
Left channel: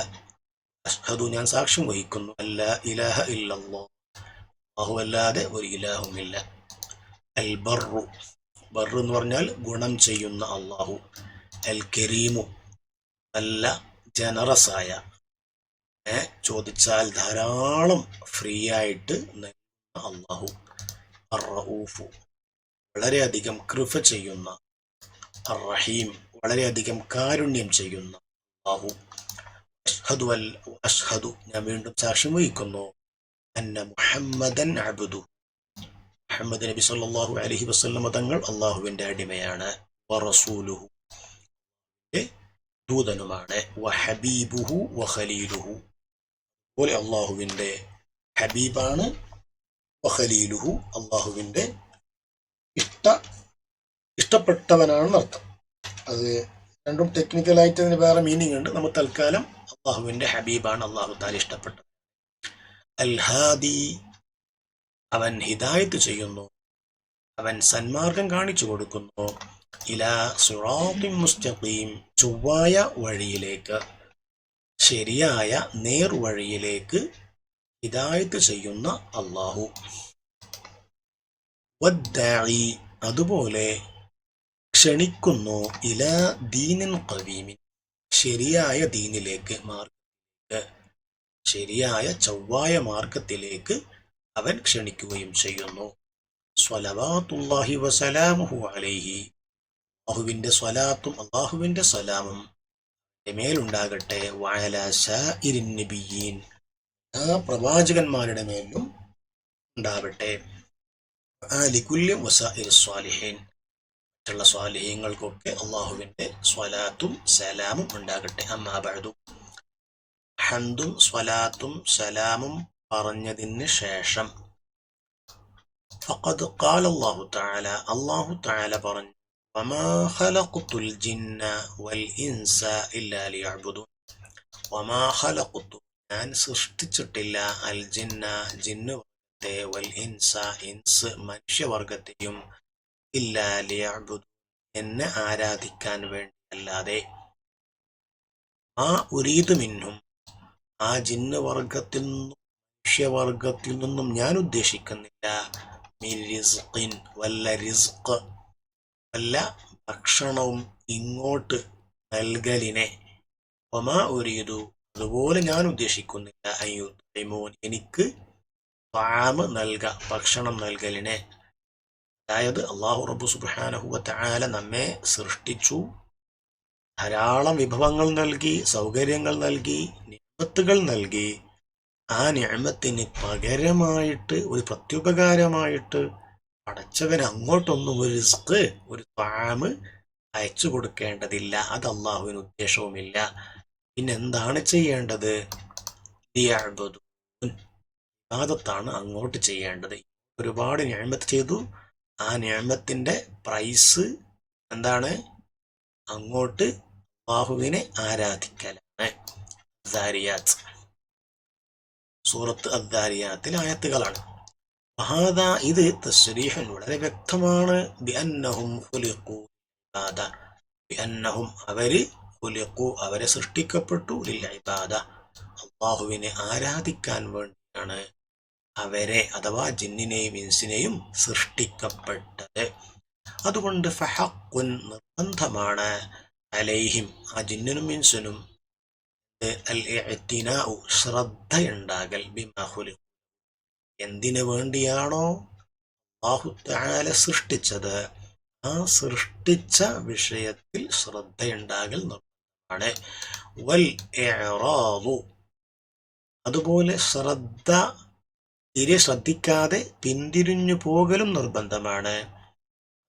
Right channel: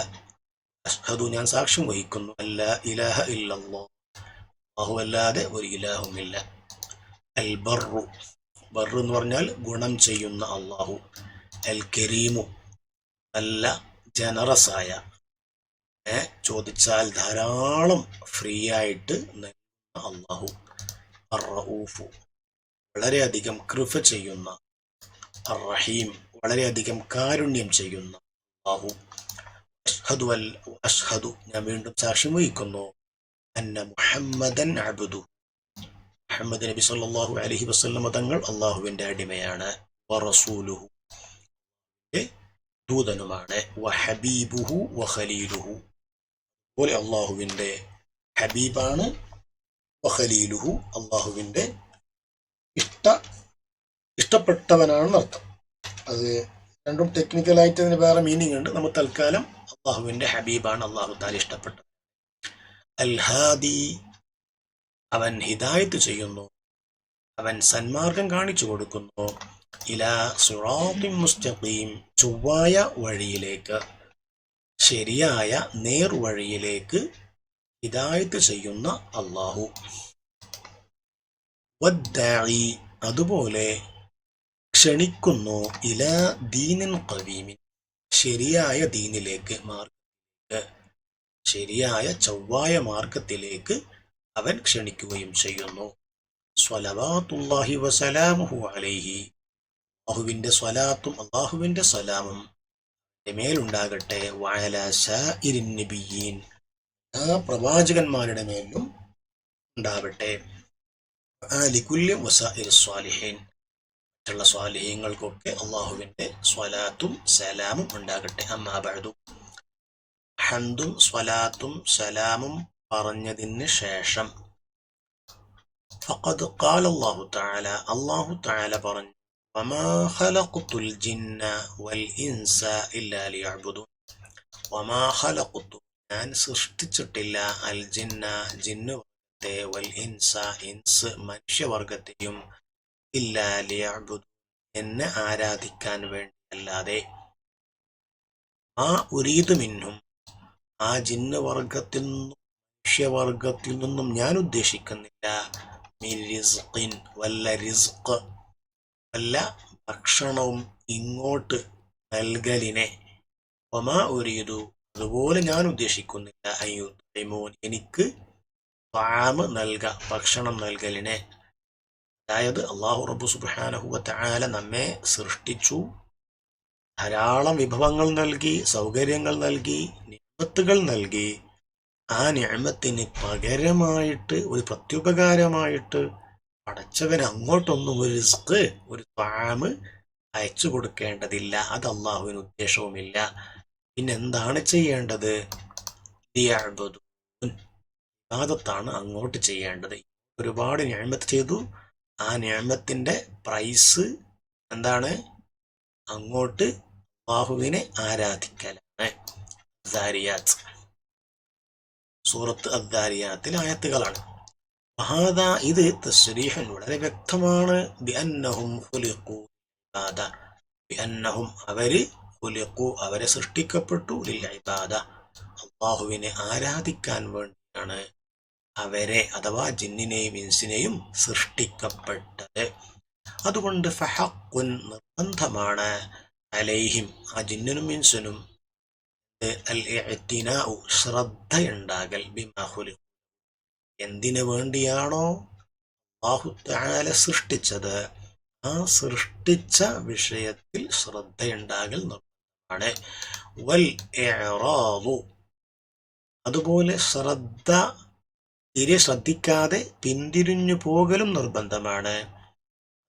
അഷ്ഹദു ഞാൻ സാക്ഷ്യം വഹിക്കുന്നു, അല്ലാ ഇലാഹ ഇല്ലല്ലാഹ്, അല്ലാഹു അല്ലാതെ ഒരു ഇലാഹുമില്ല. അൽ ബർറു, ബർറു എന്ന് പറഞ്ഞാൽ ഗുണം ചെയ്യുന്ന അള്ളാഹു. അൽ കരീമു, നല്ല ജനറസായ, ചോദിച്ചാൽ ധാരാളം ഫ്രീ ആയിട്ട് നൽകുന്ന അള്ളാഹു. അർ റഊഫു, വളരെയധികം കൃപ ചെയ്യുന്ന. അർ റഹീം, വളരെയധികം കാരുണ്യം ചെയ്യുന്ന അള്ളാഹു. അഷ്ഹദു ഞാൻ വീണ്ടും സാക്ഷ്യം വഹിക്കുന്നു, അന്ന മുഹമ്മദൻ അബ്ദു, മുഹമ്മദ് നബി സല്ലല്ലാഹു അലൈഹി വസല്ലം തങ്ങൾ അള്ളാഹുവിൻ്റെ അടിമയാണ്. വറസൂലുഹു, ദൂതനുമാണ്. വഹബീബുഹു വഖലീലുഹു, പോലെ അള്ളാഹുവിൻ്റെ ഹബീബാണ്. വഖലീലുഹു, അള്ളാഹുവിൻ്റെ ഇഷ്ടപ്പെട്ടവനാണെന്ന് അർത്ഥം. അത് രണ്ടും ടെക്നിക്കലായിട്ട് അതിന് വേറെ മീനിങ് ഉണ്ട്. നമ്മൾ തൽക്കാലം അള്ളാഹുവിൻ്റെ ഹബീബാണ്, അള്ളാഹു താല ഇഷ്ടപ്പെട്ടത്. അൽ ഹാദി, അവൻ ഹിദായത്ത് ചെയ്യുന്നു, അവൻ സന്മാർഗം കാണിച്ചു കൊടുക്കുന്നു. ഇലാ സിറാത്തിൻ മുസ്തഖീം, ചൊവ്വായ വഴിയിലേക്ക്, ശരിയായ നേർവഴിയിലേക്ക് ഹിദായത്ത് ചെയ്യുന്ന അള്ളാഹു. വദ്ദാഇ, അതുപോലെ ക്ഷണിക്കുന്നു, ഇലാ ദീനിൻ ഖവീമിൻ, ശരിയായ ദീനിലേക്ക്, മാർഗത്തിലേക്ക്, ശരിയായ ചൊവ്വായ മാർഗത്തിലേക്ക് അവൻ ക്ഷണിക്കുകയും ചെയ്യുന്നു. സ്വലവാത്തുല്ലാഹി വസലാമുഹു അലൈഹി, അല്ലാഹുവിൻ്റെ സ്വലാത്തും അല്ലാഹുവിൻ്റെ സലാമും മേലുണ്ടാകട്ടെ. വഅലാ സാഇരിൻ നബിയീൻ, ആ പ്രവാചകന്മാരുടെ മേലും ഉണ്ടാവട്ടെ. ലികുല്ലി വസാഇരി സ്വാലിഹീൻ, മറ്റുള്ള സ്വാലിഹീങ്ങൾക്കൊക്കെ അല്ലാഹുവിൻ്റെ സ്വലാത്തും സലാമും ഉണ്ടാകട്ടെ. അമ്മാ ബഅദു, ഹംദും സ്വലാത്തും സലാമും പറഞ്ഞതിന് ശേഷം ഫഖദ് ഖാല അല്ലാഹു തആല, അല്ലാഹു തആല പറഞ്ഞു, വമാ ഖലഖതുൽ ജിന്ന വൽ ഇൻസ ഇല്ലാ ലിയഅ്ബുദൂൻ, വമാ ഖലഖതു, ഞാൻ സൃഷ്ടിച്ചിട്ടില്ല, അൽ ജിന്ന, ജിന്ന് വർഗത്തെ വൽ ഇൻസ് മനുഷ്യവർഗത്തെയും ഇല്ലാ ലിയഅ്ബുദൂൻ എന്നെ ആരാധിക്കാൻ വേണ്ടിയല്ലാതെ ആ ഉരീദു മിൻഹും ആ ജിന്ന് വർഗത്തിൽ നിന്നും മനുഷ്യവർഗത്തിൽ നിന്നും ഞാൻ ഉദ്ദേശിക്കുന്നില്ല മിൻ റിസ്ഖിൻ വല്ല റിസ്ഖ് വല്ല ഭക്ഷണവും ഇങ്ങോട്ട് നൽകലിനെ വമാ ഉരീദു അതുപോലെ ഞാൻ ഉദ്ദേശിക്കുന്നില്ല അയ്യുത്ഇമൂൻ എനിക്ക് ഭക്ഷണം നൽകലിനെ. അതായത് അല്ലാഹു റബ്ബ് സുബ്ഹാനഹു വ തആല നമ്മെ സൃഷ്ടിച്ചു, ധാരാളം വിഭവങ്ങൾ നൽകി, സൗകര്യങ്ങൾ നൽകി, നിഅമത്തുകൾ നൽകി. ആ നിഅമത്തിന് പകരമായിട്ട് ഒരു പ്രത്യുപകാരമായിട്ട് പടച്ചവൻ അങ്ങോട്ടൊന്നും ഒരു റിസ്ക് ഒരു ത്വാമ് അയച്ചു കൊടുക്കേണ്ടതില്ല. അത് അള്ളാഹുവിന് ഉദ്ദേശവുമില്ല. പിന്നെന്താണ് ചെയ്യേണ്ടത്? ലിയഅ്ബുദൂൻ ഇബാദത്താണ് അങ്ങോട്ട് ചെയ്യേണ്ടത്. ഒരുപാട് നിഅമത്ത് ചെയ്തു, ആ നിഅമത്തിന്റെ പ്രൈസ് എന്താണ്? അങ്ങോട്ട് അല്ലാഹുവിനെ ആരാധിക്കലാണ്. ദാരിയാത്ത് സൂറത്ത് അദ്ദാരിയാത്തിലെ ആയത്തുകളാണ്. വഹാദാ ഇത് തസ്രീഹൻ വളരെ വ്യക്തമാണ്. ബിഅന്നഹും ഖുലിഖൂ ഇബാദ ബിഅന്നഹും അവരെ സൃഷ്ടിക്കപ്പെട്ടു ലിൽ ഇബാദ അല്ലാഹുവിനെ ആരാധിക്കാൻ വേണ്ടിയാണ് അവരെ അഥവാ ജിന്നിനെയും ഇൻസിനെയും സൃഷ്ടിക്കപ്പെട്ടത്. അതുകൊണ്ട് ഫഹഖുൻ നിർബന്ധമാണ് അലൈഹിം ആ ജിന്നിനും ഇൻസിനും അൽ ഇഅ്തിനാഉ ശ്രദ്ധയുണ്ടാകൽ ബിമാ ഖുലിഖു എന്തിനു വേണ്ടിയാണോ അല്ലാഹു തആല സൃഷ്ടിച്ചത് ആ സൃഷ്ടിച്ച വിഷയത്തിൽ ശ്രദ്ധയുണ്ടാകൽ നിർബന്ധമാണ്. വൽ ഇഅ്റാദു അതുപോലെ ശ്രദ്ധിക്കാതെ പിന്തിരിഞ്ഞു പോകലും നിർബന്ധമാണ്,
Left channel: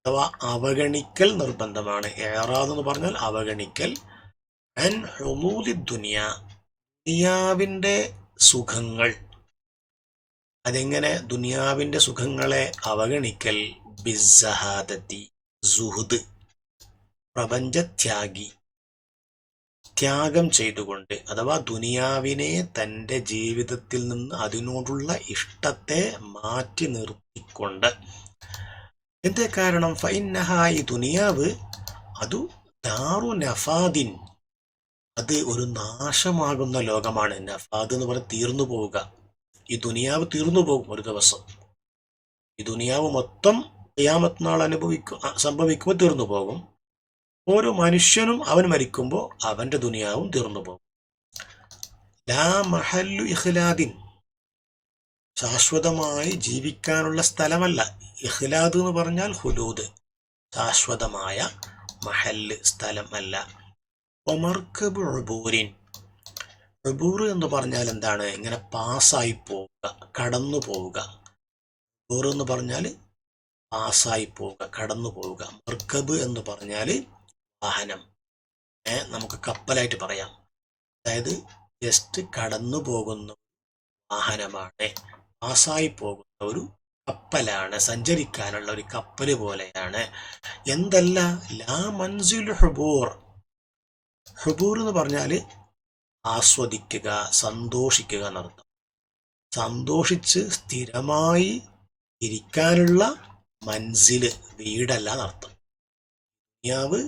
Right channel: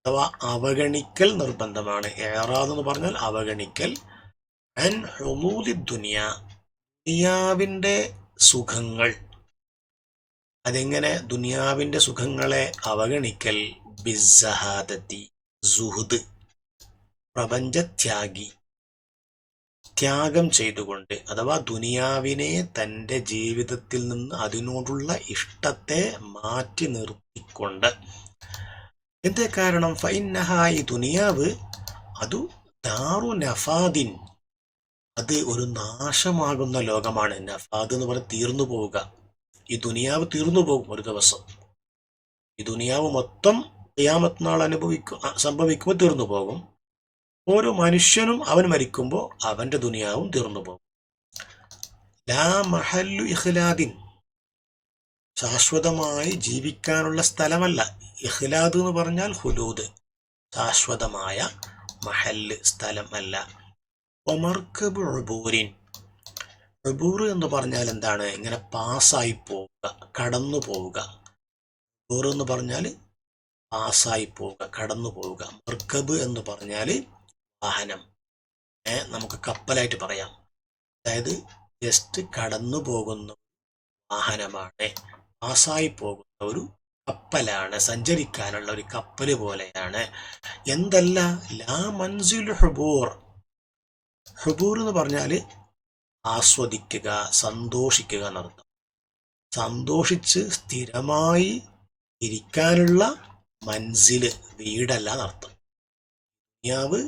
അഥവാ അവഗണിക്കൽ നിർബന്ധമാണ്. ഇഅ്റാദ് എന്ന് പറഞ്ഞാൽ അവഗണിക്കൽ. അൻ ഹുലൂലി ദുനിയാവിന്റെ സുഖങ്ങൾ. അതെങ്ങനെ? ദുനിയാവിന്റെ സുഖങ്ങളെ അവഗണിക്കൽ ബിസ്സഹാദത്തി സുഹുദ് പ്രപഞ്ചത്യാഗി ത്യാഗം ചെയ്തുകൊണ്ട്, അഥവാ ദുനിയാവിനെ തൻ്റെ ജീവിതത്തിൽ നിന്ന് അതിനോടുള്ള ഇഷ്ടത്തെ മാറ്റി നിർത്തിക്കൊണ്ട്. എന്തേ കാരണം? ഫഇന്നഹ ഈ ദുനിയാവ് അതു ദാറു നഫാദിൻ അത് ഒരു നാശമാകുന്ന ലോകമാണ്. നഫാദ് എന്ന് പറഞ്ഞാൽ തീർന്നു പോവുക. ഈ ദുനിയാവ് തീർന്നു പോകും ഒരു ദിവസം. ഈ ദുനിയാവ് മൊത്തം ഖിയാമത്ത് നാൾ സംഭവിക്കുമ്പോൾ തീർന്നു പോകും. ഓരോ മനുഷ്യനും അവൻ മരിക്കുമ്പോൾ അവന്റെ ദുനിയാവും തീർന്നു പോകും. ലാ മഹല്ലു ഇഖ്ലാദിൻ ശാശ്വതമായി ജീവിക്കാനുള്ള സ്ഥലമല്ല. ഇഖ്ലാദ് എന്ന് പറഞ്ഞാൽ ഹുലൂദ് ശാശ്വതമായ മഹല്ല് സ്ഥലം അല്ല. ഒമർക്കബ് ഉബൂരിൻ ഉബൂർ എന്ന് പറഞ്ഞാൽ എന്താണ്? ഇങ്ങനെ പാസ്സായി പോവുക, കടന്നു പോവുക. ഉബൂർ എന്ന് പറഞ്ഞാൽ പാസ്സായി പോവുക, കടന്നു പോവുക. മർക്കബ് എന്ന് പറഞ്ഞാൽ വാഹനം. നമുക്ക് കപ്പലായിട്ട് പറയാം. അതായത് ജസ്റ്റ് കടന്നു പോകുന്ന വാഹനമാണ്, പാസ്സായി പോകുന്ന ഒരു കപ്പലാണ്, സഞ്ചരിക്കാനുള്ള ഒരു കപ്പല് പോലെയാണ്. എന്തല്ല ലാ മൻസിൽ ഹുബൂർ. ഹുബൂർ എന്ന് പറഞ്ഞാൽ ആസ്വദിക്കുക, സന്തോഷിക്കുക എന്നർത്ഥം. സന്തോഷിച്ച് സ്ഥിരമായി ഇരിക്കാനുള്ള മൻസില് വീടല്ല എന്നർത്ഥം. ദുനിയാവ്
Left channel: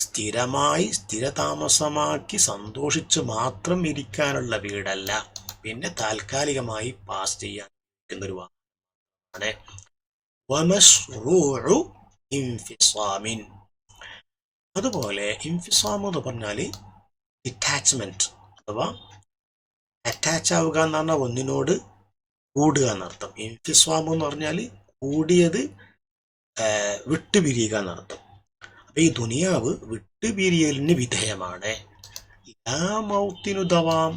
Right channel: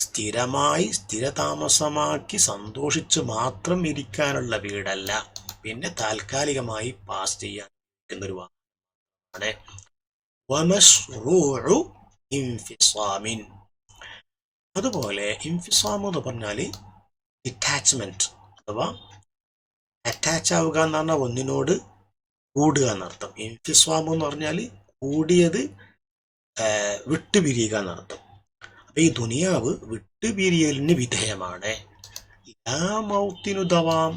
സ്ഥിരമായി സ്ഥിരതാമസമാക്കി സന്തോഷിച്ച് മാത്രം ഇരിക്കാനുള്ള വീടല്ല, പിന്നെ താൽക്കാലികമായി പാസ് ചെയ്യാൻ എന്നൊരു വാക്കാണ്. വമശ്റൂഉ ഇൻഫിസാമിൻ അതുപോലെ ഇൻഫിസാം എന്ന് പറഞ്ഞാൽ ഡിറ്റാച്ച്മെന്റ് അഥവാ അറ്റാച്ച് ആവുക എന്ന് പറഞ്ഞാൽ ഒന്നിനോട് കൂടുക എന്നർത്ഥം. ഇൻഫിസാം എന്ന് പറഞ്ഞാൽ കൂടിയത് വിട്ടുപിരിയുക എന്നർത്ഥം. അപ്പൊ ഈ ദുനിയാവ് വിട്ടുപിരിയലിന് വിധേയമാണ്. ലാ മൗത്തിനു ദവാം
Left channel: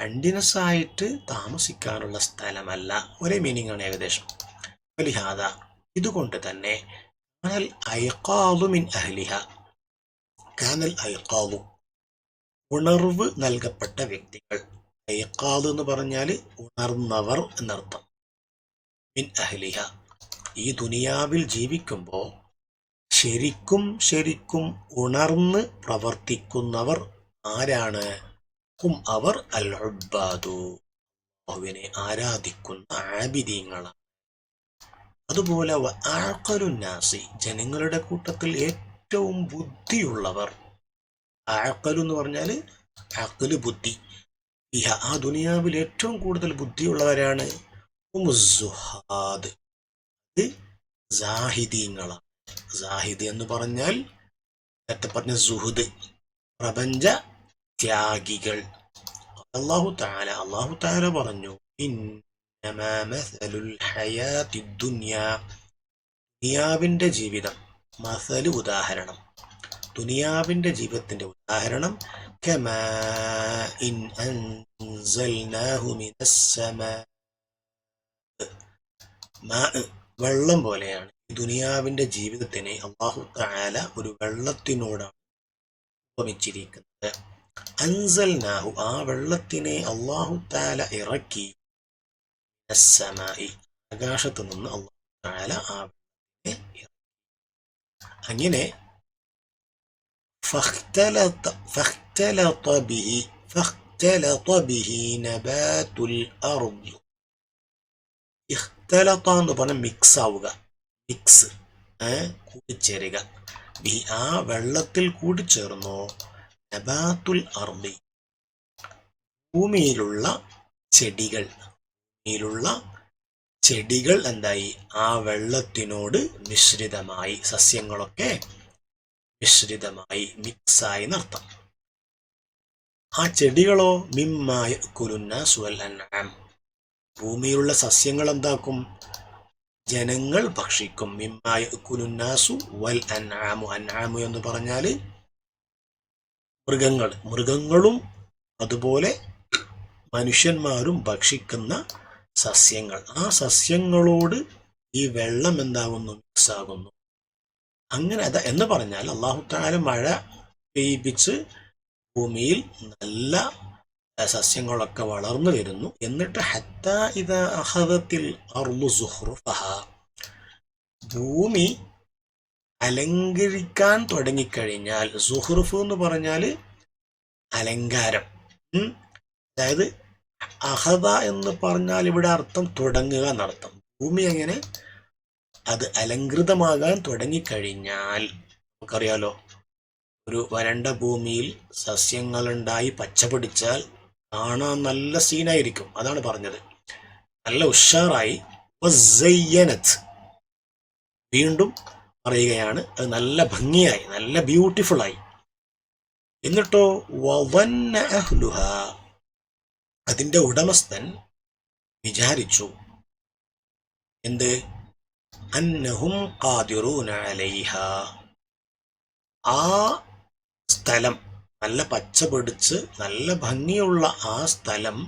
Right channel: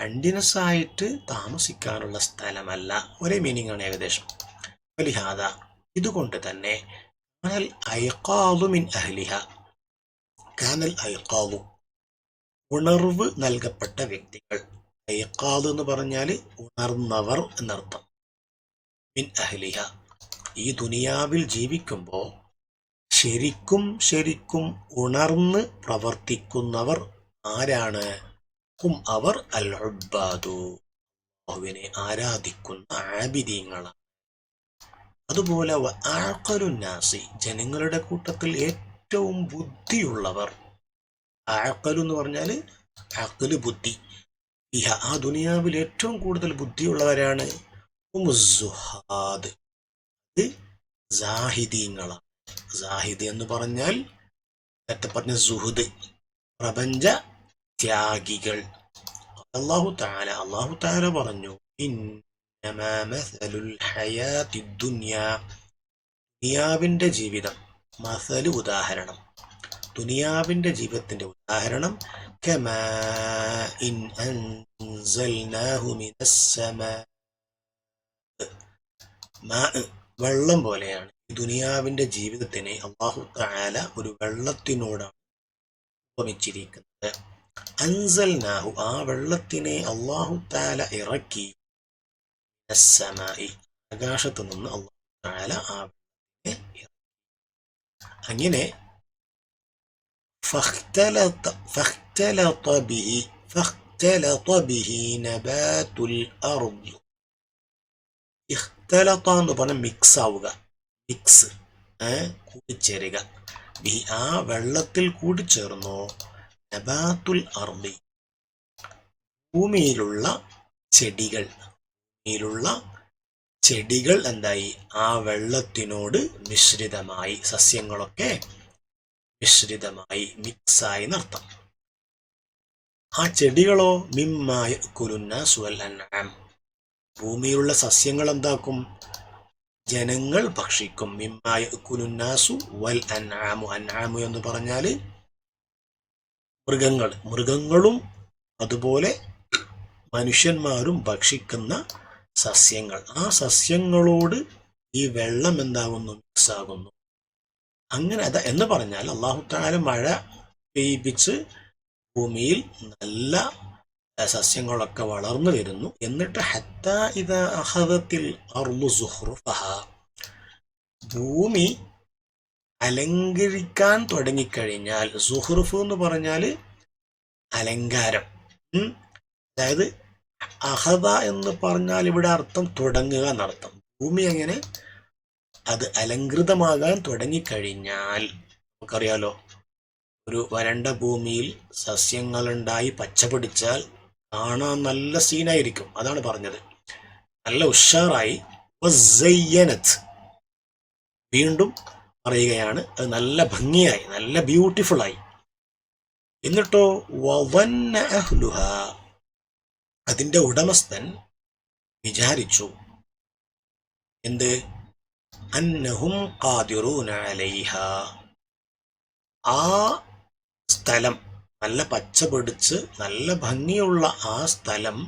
കണ്ടിന്യൂസ് ആയിട്ട് താമസിക്കാനുള്ള സ്ഥലമല്ല. ഒരേ മീനിങ് ആണ് ഏകദേശം. വലിഹാദ ഇതുകൊണ്ട് തന്നെ കാനൽ ഐഖാദു മിൻ അഹ്ലിഹ കാനൽ ഐഖാദു ഉണർവ് നൽകപ്പെട്ട വ്യക്തികൾ. ഐഖാദ് എന്ന് പറഞ്ഞാൽ ഉണർന്നവർ എന്നർത്ഥം. മിൻ അഹ്ലിഹ ഈ ദുനിയാവിൽ ജീവിക്കുമ്പോൾ ശരിക്കും ഉണർന്ന് പ്രവർത്തിക്കുന്നവർ ആരാണ്? അവർ അൽ ഉബ്ബാദു അല്ലാഹുവിനെ ആരാധിക്കുന്ന ആബിദീങ്ങളാണ്. അതുപോലെ ആഖലുന്നാസി, ജനങ്ങളുടെ കൂട്ടത്തിൽ ഏറ്റവും ബുദ്ധിയുള്ളവർ. ആഖലു എന്ന് പറഞ്ഞാൽ അഖ്ല്, ബുദ്ധി. ആ ദുനിയാവിൽ ഏറ്റവും കൂടുതൽ ബുദ്ധിയുള്ളവരാണ് ഉമ്മുസ്സുഹാദ്, ഇത് സാഹിദീങ്ങളാണ്. സാഹിദ് എന്ന് പറഞ്ഞാൽ നേരത്തെ പറഞ്ഞ സുഹുദ്, പ്രപഞ്ച ത്യാഗികൾ. അല്ലാഹു തആല പറഞ്ഞു, ഇന്നമാ മസലുൽ ഹയാത്തിദ് ദുനിയാ, ദുനിയാവിന്റെ ജീവിതം, മസലു ഉദാഹരണം, ദുനിയാവിന്റെ ജീവിതത്തിന്റെ ഉദാഹരണം, കമാഇൻ അൻസൽനാഹു മിനസ്സമാ, വെള്ളം പോലെയാണ്. ദുനിയാവിന്റെ ജീവിതത്തിനെ അല്ലാഹു തആല ഒരു വെള്ളത്തിനോടാണ് ഉപമിച്ചിരിക്കുന്നത്. അൻസൽനാഹു, ആ വെള്ളത്തിനെ അല്ലാഹു തആല ഇറക്കി, മിനസ്സമായി, ആകാശത്ത് നിന്ന് അല്ലാഹു തആല ആ വെള്ളത്തിനെ ഇറക്കി. അങ്ങനെ فاختلط به نبات الأرض. ഇഖ്തലത എന്ന് പറഞ്ഞാൽ മിക്സ് ആവുക, മിക്സ്, കൂടിച്ചേരുക. ബിഹി, ആ വെള്ളത്തിൽ കൂടിച്ചേർന്നു, നബാത്തുൽ അർദി, ഭൂമിയിലുള്ള ചെടികൾ എന്തായി, ആ വെള്ളത്തിനോട് മിശ്രിതമായി, സസ്യങ്ങളൊക്കെ മിശ്രിതമായി, മിക്സായി എന്നർത്ഥം. ആ ചെടികളോ മിമ്മാ യഅ്കുലുന്നാസു വൽ അൻആം, ഭൂമിയിലുള്ള സസ്യങ്ങൾ എന്താക്കും, ജനങ്ങൾ ഭക്ഷിക്കും. മിമ്മാ യഅ്കുലുന്നാസു വൽ അൻആമു, അൻആമു എന്ന് പറഞ്ഞാൽ മൃഗങ്ങളും അതുപോലെ മനുഷ്യന്മാരും ഭക്ഷിക്കുന്ന സസ്യങ്ങൾ. ആ സസ്യങ്ങളോട് ഈ വെള്ളം എന്താകുന്നു, മിക്സ് ആകുന്നു. അങ്ങനെ എന്ന് പറഞ്ഞാൽ അല്ലാഹു തആല മഴ പെയ്യിപ്പിച്ച് ഭൂമിയിൽ നല്ല സസ്യങ്ങളൊക്കെ വളർന്നു വരുന്നു. എന്നിട്ട് ഹത്താ ഇദാ അഖദത്തിൽ അർളു സുഖ്റുഫഹാ, ഭൂമി അലങ്കരിക്കാൻ തുടങ്ങിക്കഴിഞ്ഞാൽ, സുഹ്റുഫ് എന്ന് പറഞ്ഞാൽ അലങ്കാരം, അതായത് അഹദ എന്ന് പറഞ്ഞാൽ ഇവിടെ അർത്ഥം തുടങ്ങുക എന്നർത്ഥം. ഭൂമി അങ്ങനെ അത് അലങ്കൃതമാകാൻ തുടങ്ങിക്കഴിഞ്ഞാൽ, നമുക്കറിയാലോ, ഒരു വരണ്ട ഭൂമിയിൽ സസ്യങ്ങളുണ്ടായി പച്ച പിടിച്ചാൽ കാണാൻ നല്ല സീനായിരിക്കും. അതാണ് പറഞ്ഞത്, നല്ല ഉഷാറായി. വീണ്ടും പറയുകയാണ്, അത് നല്ല ഭംഗിയായി, നല്ല ബ്യൂട്ടിഫുള്ളായി. എന്നിട്ടോ വظن أهلها, അതിന്റെ ഉടമസ്ഥൻ വിചാരിച്ചു, എന്ത്, അന്നഹും ഖാദിറൂന അലൈഹ, ആ സ്ഥലം, നല്ല പച്ച പിടിച്ച് നല്ല ഭംഗിയുള്ള ആ സ്ഥലം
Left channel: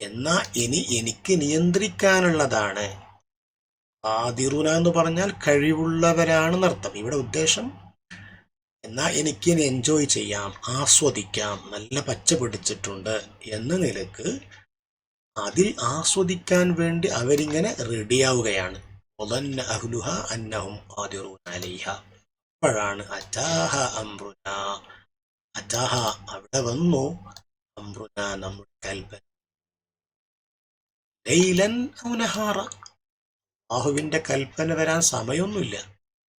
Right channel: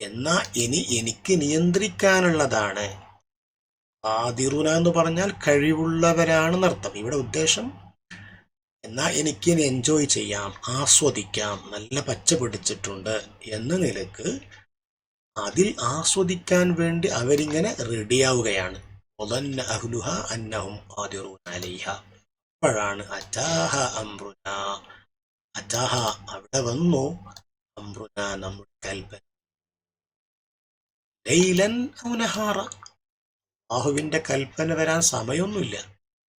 എന്നാ ഇനി എനിക്ക് നിയന്ത്രിക്കാനുള്ളതാണ്. ഖാദിറൂന എന്ന് പറഞ്ഞാൽ കഴിവുള്ളവരാണെന്നർത്ഥം. ഇവിടെ ഉദ്ദേശം എന്നാ എനിക്കിനി എൻജോയ് ചെയ്യാം, ആസ്വദിക്കാം, നല്ല പച്ച പിടിച്ചിട്ടുണ്ട് എന്ന നിലക്ക് അതിൽ ആസ്വദിക്കാൻ വേണ്ടി അവരിങ്ങനെ റെഡിയാവുകയാണ്. വظن أهلها أنهم قادرون عليها. അപ്പോഴാണ് അറ്റാഹ അംറുന, അറ്റാഹ അവിടെ വന്നു, അംറുന നമ്മുടെ കൽപ്പന, ലൈലൻ ഔ നഹാറ, അല്ലാഹുവിന്റെ കൽപ്പന വരാൻ സമയമൊന്നുമില്ല,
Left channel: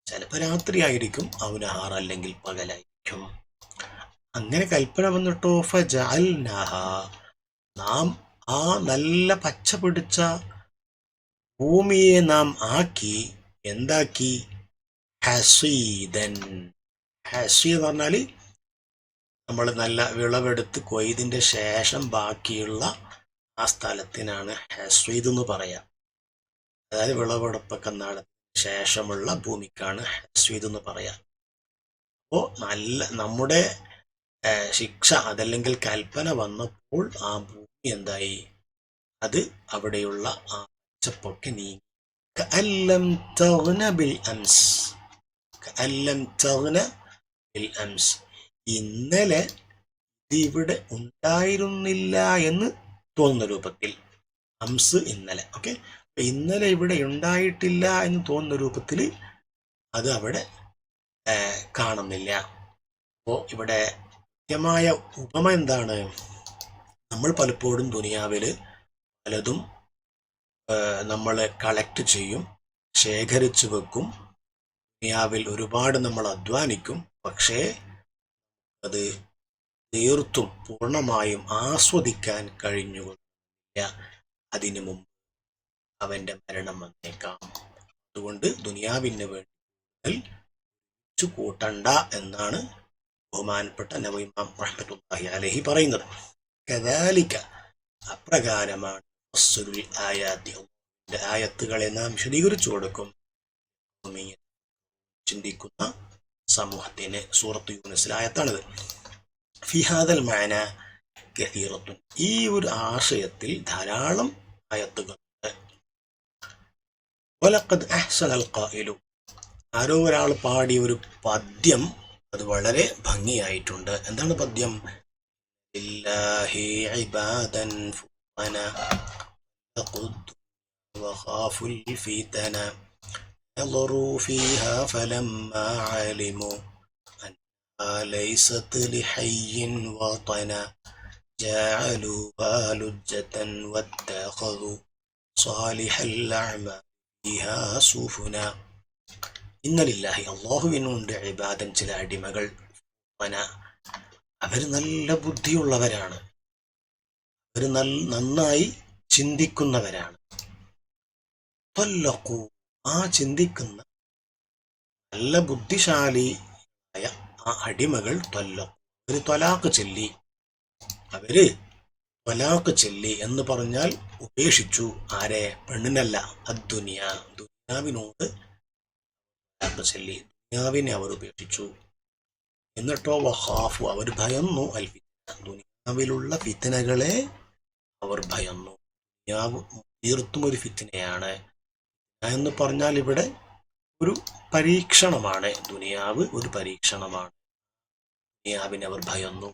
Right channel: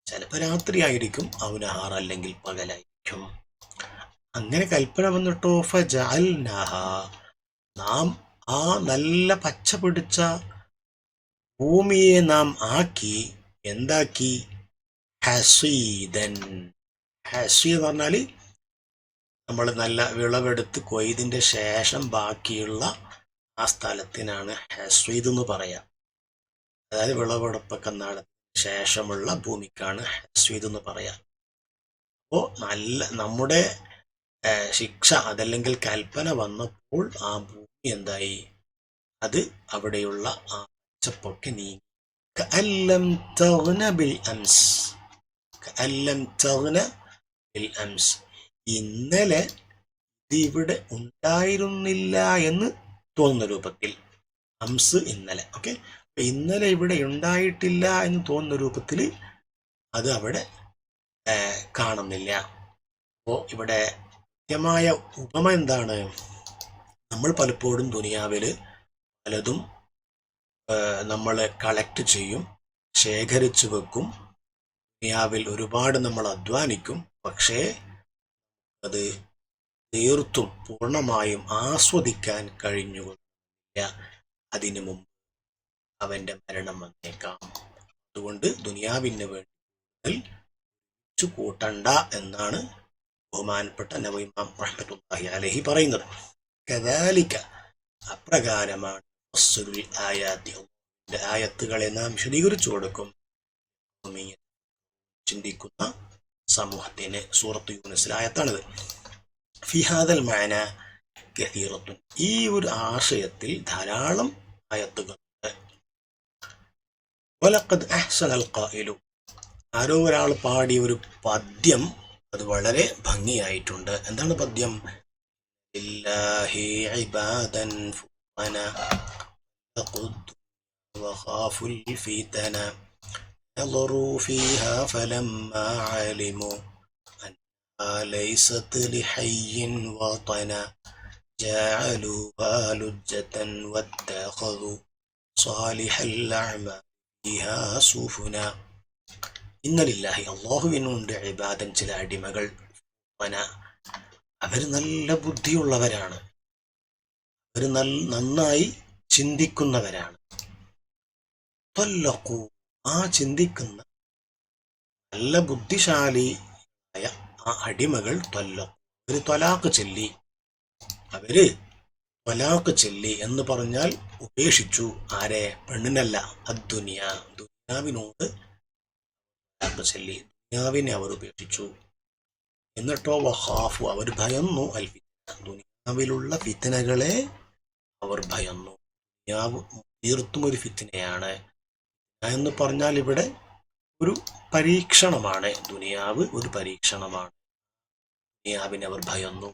ചിലപ്പോൾ രാത്രിയായിരിക്കും, ഔ നഹാർ അല്ലെങ്കിൽ പകലായിരിക്കും. അങ്ങനെ കൽപ്പന വന്നിട്ടോ ഫജഅൽനാഹ, നാം ആ നല്ല പച്ച പിടിച്ച ഭൂമിയെ നാം ആക്കി, എന്താക്കി, ഹസീദൻ. ഹസീദ് എന്ന് പറഞ്ഞാൽ നമ്മൾ നല്ല വിളവെടുത്ത് കൊയ്തിന്റെ ശേഷം ബാക്കിയുള്ള ആ സ്ഥലത്തിനാണ് ഹസീദ് എന്ന് പറയാം. അതായത് വിളവെടുപ്പൊക്കെ നടത്തിയ ശേഷമുള്ള ഭൂമിക്കാണ് ഹസീദ് എന്ന് പറയാം. അപ്പോൾ നല്ല നമ്മുടെ ശിക്ഷ അതല്ലെങ്കിൽ കൽപ്പന വന്നപ്പോൾ ആ ഭൂമി എന്തായി, അത് അവിടെയുള്ള ആ പച്ചപ്പൊക്കെ നീങ്ങി. കഅല്ലം തഗ്ന ബിൽ അംസ്, കഅല്ലം തഗ്ന ബിൽ അംസ്, ഇന്നലെ ഇതിവിടെ ഉണ്ടായിരുന്നില്ല എന്ന് തോന്നുന്ന രൂപത്തിൽ. അംസ് ഇന്നലെ, ഓക്കെ, ഇന്നലെ ഇവിടെ ഉണ്ടായിട്ടില്ല എന്ന് തോന്നുന്ന രൂപത്തിൽ അത് അവിടെ കാണുന്നില്ല. അപ്പോൾ ഇവിടെ കൃത്യമായ ഉപമ എന്താണ്, നമ്മൾ പലപ്പോഴും ദുനിയാവിൽ പലതും നമ്മൾ കളക്ട് ചെയ്യും, ശേഖരിച്ചു വെക്കും. ദുനിയാവിൽ ഒരുപാട് നമ്മൾ അധ്വാനിക്കും. പക്ഷേ അത് തീർത്തും പൂർണ്ണമായും ആസ്വദിക്കാൻ കഴിഞ്ഞുകൊള്ളില്ല. അതിനു മുമ്പ് അവന്റെ മരണം വന്നേക്കാം. അതുകൊണ്ട് ദുനിയാവിന് വേണ്ടി കൂട്ടണ്ട എന്നാണ് ബഹുമാനപ്പെട്ട നബി ഇമാം റഹ്മത്തുള്ളാഹി അലൈഹി പറയുന്നത്. കദാലിക, അപ്രകാരമാണ് ആയത്തുകളെ നാം വിശദീകരിച്ചു കൊടുക്കും ചിന്തിക്കുന്ന സമൂഹത്തിന്. സൂറത്ത് യൂനുസിലെ ആയത്താണിത്. ഫിഹാദൽ മാന കസീറത്തുൻ, ഈ ഒരു ആശയത്തിൽ ധാരാളം ആയത്തുകളുണ്ട്. വലഖദ് അഹ്സനൽ ഖായിലു, ആരോ ഒരാൾ പാടിയ ഒരു പദ്യം, അത് വളരെ ഭംഗിയായിട്ടുണ്ട്. എന്താണ് പദ്യം? ലില്ലാഹി ഇബാദൻ ഫുതന വഖാഫുൽ ഫിതന نظروا فيها فلما علموا أنها ليست لحي وطنا جعلوها لجة واتخذوا صالح الأعمال فيها سفنا. إن لله, അല്ലാഹുവിനുണ്ട് ഇബാദൻ, ചില അടിമകൾ, അവർ നല്ല ബുദ്ധിയുള്ളവരാണ്, അവർ നന്നായി ചിന്തിക്കുന്നവരാണ്. ത്വല്ലഖൂ, ആ ചിന്തിക്കുന്ന നല്ല ബുദ്ധിശാലിയായ ആ അടിമകൾ അവര് ത്വലാഖ് ചൊല്ലി, എന്ന് പറഞ്ഞാൽ ഉപേക്ഷിച്ചു. ആരെ? പെണ്ണിനല്ല, ദുനിയാവിനോട് ചൊല്ലി, ദുനിയാവിനെ അവർ ഉപേക്ഷിച്ചു. എന്നിട്ടോ വഖാഫു, അവർ ഭയന്നു, ദുനിയാവിലുള്ള ഫിത്നകളെ അവർ ഭയന്നു. ദുനിയാവ് തീർത്തും ഒരു ഫിത്നയാണ് എന്ന് പറഞ്ഞാൽ ഇവിടെ ഒരു പരീക്ഷണമാണ്. ദുനിയാവ് ഒരു പരീക്ഷണമാണ്. ദുനിയാവിനെ അവർ ഭയന്നു.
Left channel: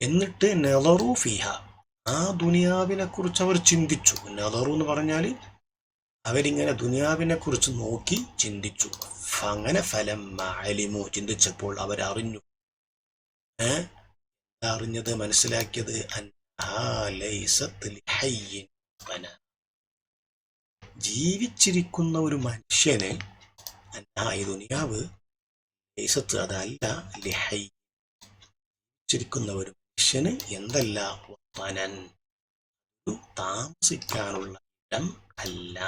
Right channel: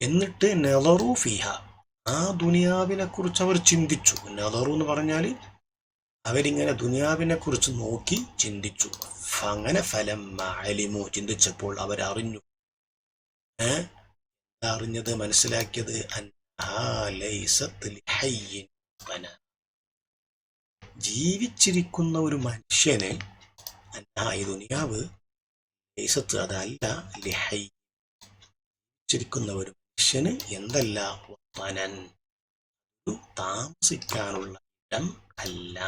എന്നിട്ട് നളറു ഫിഹ, ആ ദുനിയാവിനെ കുറിച്ച് അവർ ചിന്തിച്ചു. നളറു എന്ന് പറഞ്ഞാൽ അവരിങ്ങനെ ദുനിയാവിനെ കുറിച്ച് നോക്കി ചിന്തിച്ചു. അങ്ങനെ ഫലമ്മ അലിമു, ചിന്തിച്ചപ്പോൾ അവരറിഞ്ഞു. അറിഞ്ഞത്, മനസ്സിലാക്കിയത്, ജീവിച്ചിരിക്കുന്ന ഒരു മനുഷ്യന്, ഈ ദുനിയാവ് ലൈസത്ത്, അതല്ല, ലിഹൈ, ജീവിച്ചിരിക്കുന്ന ഒരു മനുഷ്യന് എന്തല്ല, വതനൻ, താമസിക്കാനുള്ള ഇടം അല്ല,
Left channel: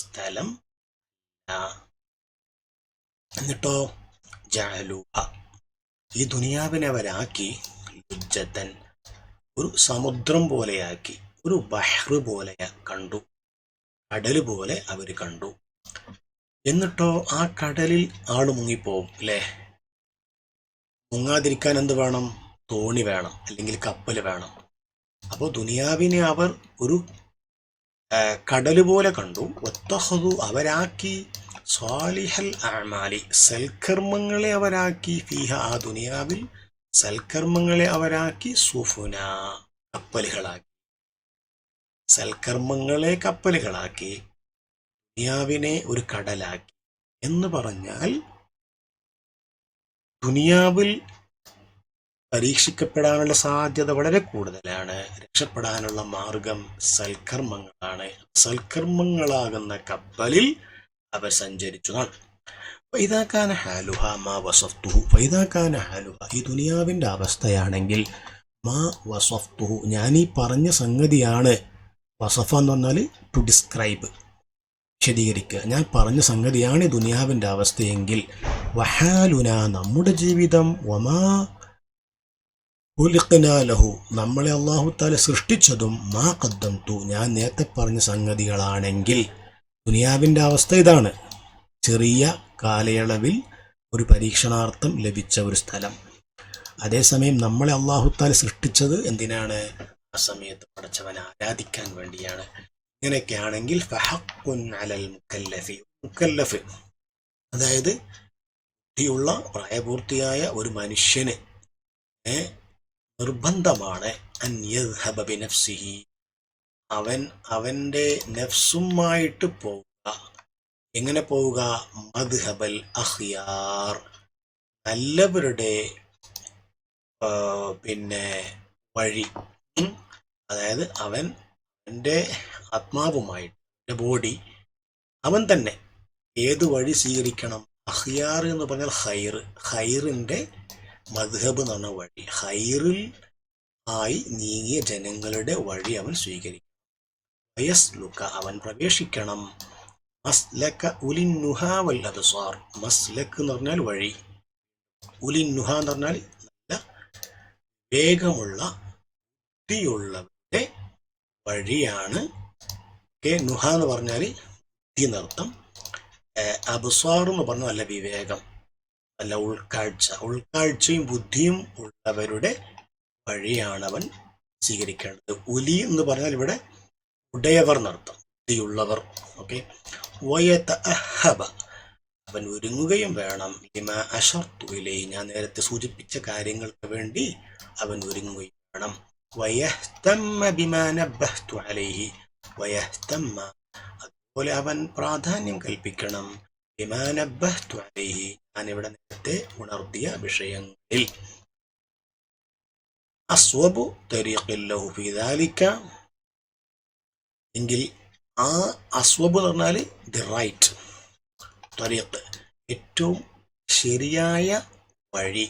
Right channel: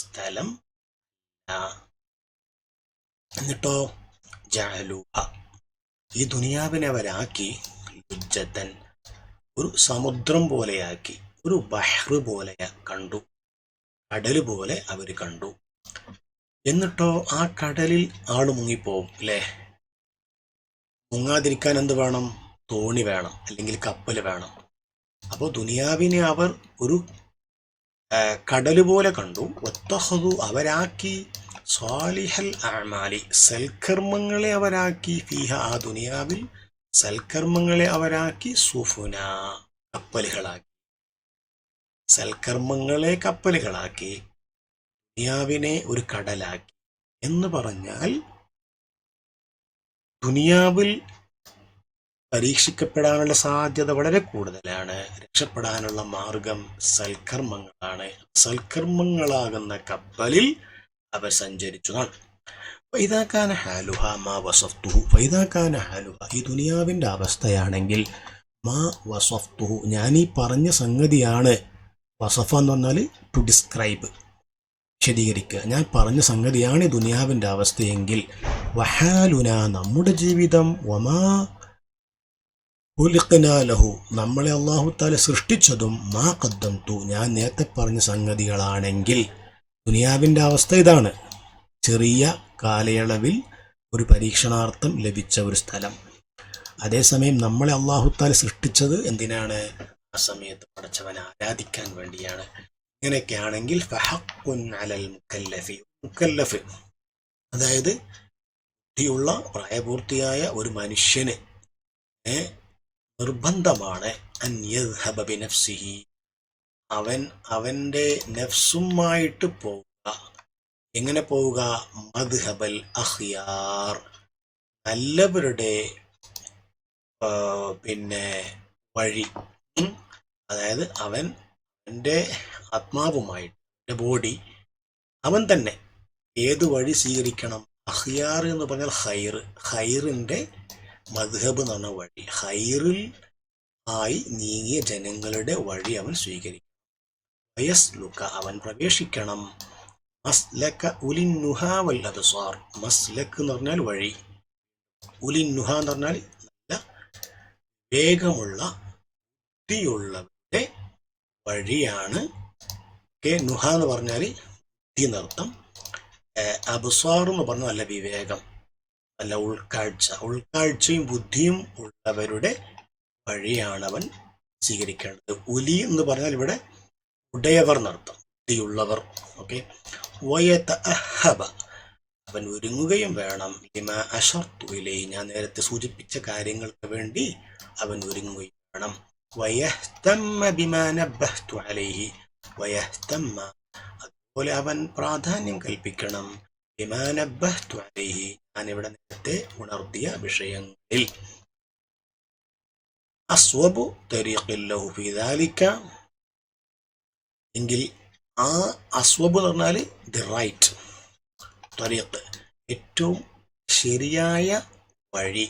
സ്ഥലം അല്ല. എന്നിട്ടോ ജഅലൂഹ, ഈ ദുനിയാവിനെ അവരാക്കി, ലുജ്ജത്തൻ, ഒരു സമുദ്രം പോലെയാക്കി, ഒരു ബഹ്ർ പോലെ കണ്ടു, കടല് പോലെ അവർ കണ്ടു. എന്നിട്ടോ ആ കടലിൽ ആള് മുങ്ങിപ്പോവും അല്ലേ? മുങ്ങാതിരിക്കാൻ എന്ത് വേണം? തോണി വേണം, അല്ലെങ്കിൽ കപ്പൽ വേണം. അപ്പോൾ ദുനിയാവിനെ അവർ ഒരു കടല് പോലെ കണ്ടു. വത്തഖദു, അവരാക്കി, സ്വാലിഹൽ അഅമാലി, സൽക്കർമ്മങ്ങളെ അവരാക്കി, ഫീഹ, ആ ദുനിയാവിൽ സൽക്കർമ്മങ്ങളെ അവരാക്കി, സുഫുന, കപ്പലുകളാക്കി. സൽക്കർമ്മങ്ങളെ കപ്പലുകളാക്കി, ദുനിയാവിനെ ഒരു കടലാക്കി. എന്ന് പറഞ്ഞാൽ ദുനിയാവിൽ പരീക്ഷിക്കപ്പെടാനുള്ള സാധ്യത വളരെ കൂടുതലാണ്. രക്ഷപ്പെടാനുള്ള മാർഗം സൽക്കർമ്മങ്ങളാണ്. സൽക്കർമ്മങ്ങളാകുന്ന കപ്പലിൽ അവ സഞ്ചരിച്ചതാണ്. ഫൈദാകാന ഹാലുഹ മാ വസഫ്തുഹു, ഫൈദാകാന ഹാലുഹ, ഈ ദുനിയാവിന്റെ അവസ്ഥയാണെങ്കിൽ, മാ വസഫ്തുഹു, ഞാൻ ഈ പറഞ്ഞ സംഗതിയാണ്. വസഫ എന്ന് പറഞ്ഞാൽ ടു ഡിസ്ക്രൈബ്, വിശദീകരിക്കുക. ഞാൻ പറഞ്ഞ സംഗതിയാണ് ഈ ദുനിയാവിന്റെ അവസ്ഥയെങ്കിൽ, വഹാലുന, നമ്മുടെ ജീവിതം, വമാ ഖുലിഖ്നാ ലഹു, നമ്മളെ അല്ലാഹു തആല സൃഷ്ടിച്ചതും, മാ ഖദ്ദംതു, ഞാൻ നേരത്തെ പറഞ്ഞ സംഗതികളാണെങ്കിൽ, ദുനിയാവിന്റെ അവസ്ഥ ഇതാണ്. ചെറിയ കാലയളവിൽ ഒരു പരീക്ഷണാർത്ഥം ലഭിച്ച ഒരു സ്ഥലം. അതേസമയം നമ്മളെ അല്ലാഹു തആല സൃഷ്ടിച്ചത് എന്തിനാണ്? ആ സമയത്ത് പടച്ചവനെ ആരാധിക്കാൻ വേണ്ടിയാണ്. ഇങ്ങനെയൊക്കെയാണെങ്കിൽ ഫഹഖുൻ അലൽ മുക്കല്ലഫ്, അതായത് ബുദ്ധിയുള്ള പ്രായപൂർത്തിയായ ഒരു മനുഷ്യന് നിർബന്ധമാണ് അൻ യദ്ഹബ ബിനഫ്സിഹി, അവന്റെ നഫ്സുമായിട്ട് പോവുക. എങ്ങനെ പോവുക? മദ്ഹബൽ അഖ്യാർ, നല്ലവരുടെ വഴി. അതായത് അവൻ എൻ്റെ ആത്മാവുമായിട്ട്, എൻ്റെ ബോഡി, അവൻ തന്നെ ഏത് വഴി സ്വീകരിക്കണം? അഖിയാർ എന്ന് പറഞ്ഞാൽ ഖൈർ, ഖൈറിൻ്റെ മദ്ഹബ് എന്ന് പറഞ്ഞ വഴി, ഖൈറിൽ ആയി നീങ്ങിയ ജനങ്ങളുടെ വഴി അവൻ സ്വീകരിക്കണം. വയസ്ലുക, അവൻ പ്രവേശിക്കണം, മസ്ലക ഉലിന്നുഹ വൽ അബ്സാർ. മസ്ലക്ക് എന്ന് പറഞ്ഞാൽ വഴി, ഉലിന്നുഹ എന്ന് പറഞ്ഞാൽ നല്ല വേഗമുള്ള ബുദ്ധിയുള്ളവരുടെ വഴിയാണ്. നുഹ എന്ന് പറഞ്ഞാൽ ബുദ്ധി എന്നർത്ഥം. അബ്സാർ എന്ന് പറഞ്ഞാൽ നല്ല വിവേകം, നല്ല ഉൾക്കാഴ്ചയും ബുദ്ധിയും ഉള്ളവരുടെ വഴിയാണ് അവൻ സ്വീകരിക്കേണ്ടത്. ഉലി എന്ന് പറഞ്ഞാൽ ഇവിടെ ഉടയവർ എന്നർത്ഥം, ബുദ്ധിയുള്ളവർ. ഓക്കെ. വയതഅഹബ, അവൻ ഒരുങ്ങുകയും വേണം. ലിമാ അശർതു ഇലൈഹി, ഞാൻ നേരത്തെ സൂചിപ്പിച്ച കാര്യങ്ങൾക്ക് വേണ്ടി അവൻ ഒരുങ്ങുകയും വേണം. വയഹ്തമ്മ ബിമാ നബ്ബഹ്തു അലൈഹി, വയഹ്തമ്മ, അതുപോലെ അവൻ പ്രാധാന്യം കൽപ്പിക്കണം. ബിമാ നബ്ബഹ്തു അലൈഹി, ഞാൻ ഇവിടെ നേരത്തെ ഉണർത്തിയ വിഷയങ്ങളിൽ. അസ്വബു തരീഖിൻ ലഹു ഫീ ദാലിക, എങ്കിൽ ആ അസ്വബ് എന്ന് പറഞ്ഞാൽ ദി റൈറ്റ്, തരീഖ് ഏറ്റവും ശരിയായ വഴി,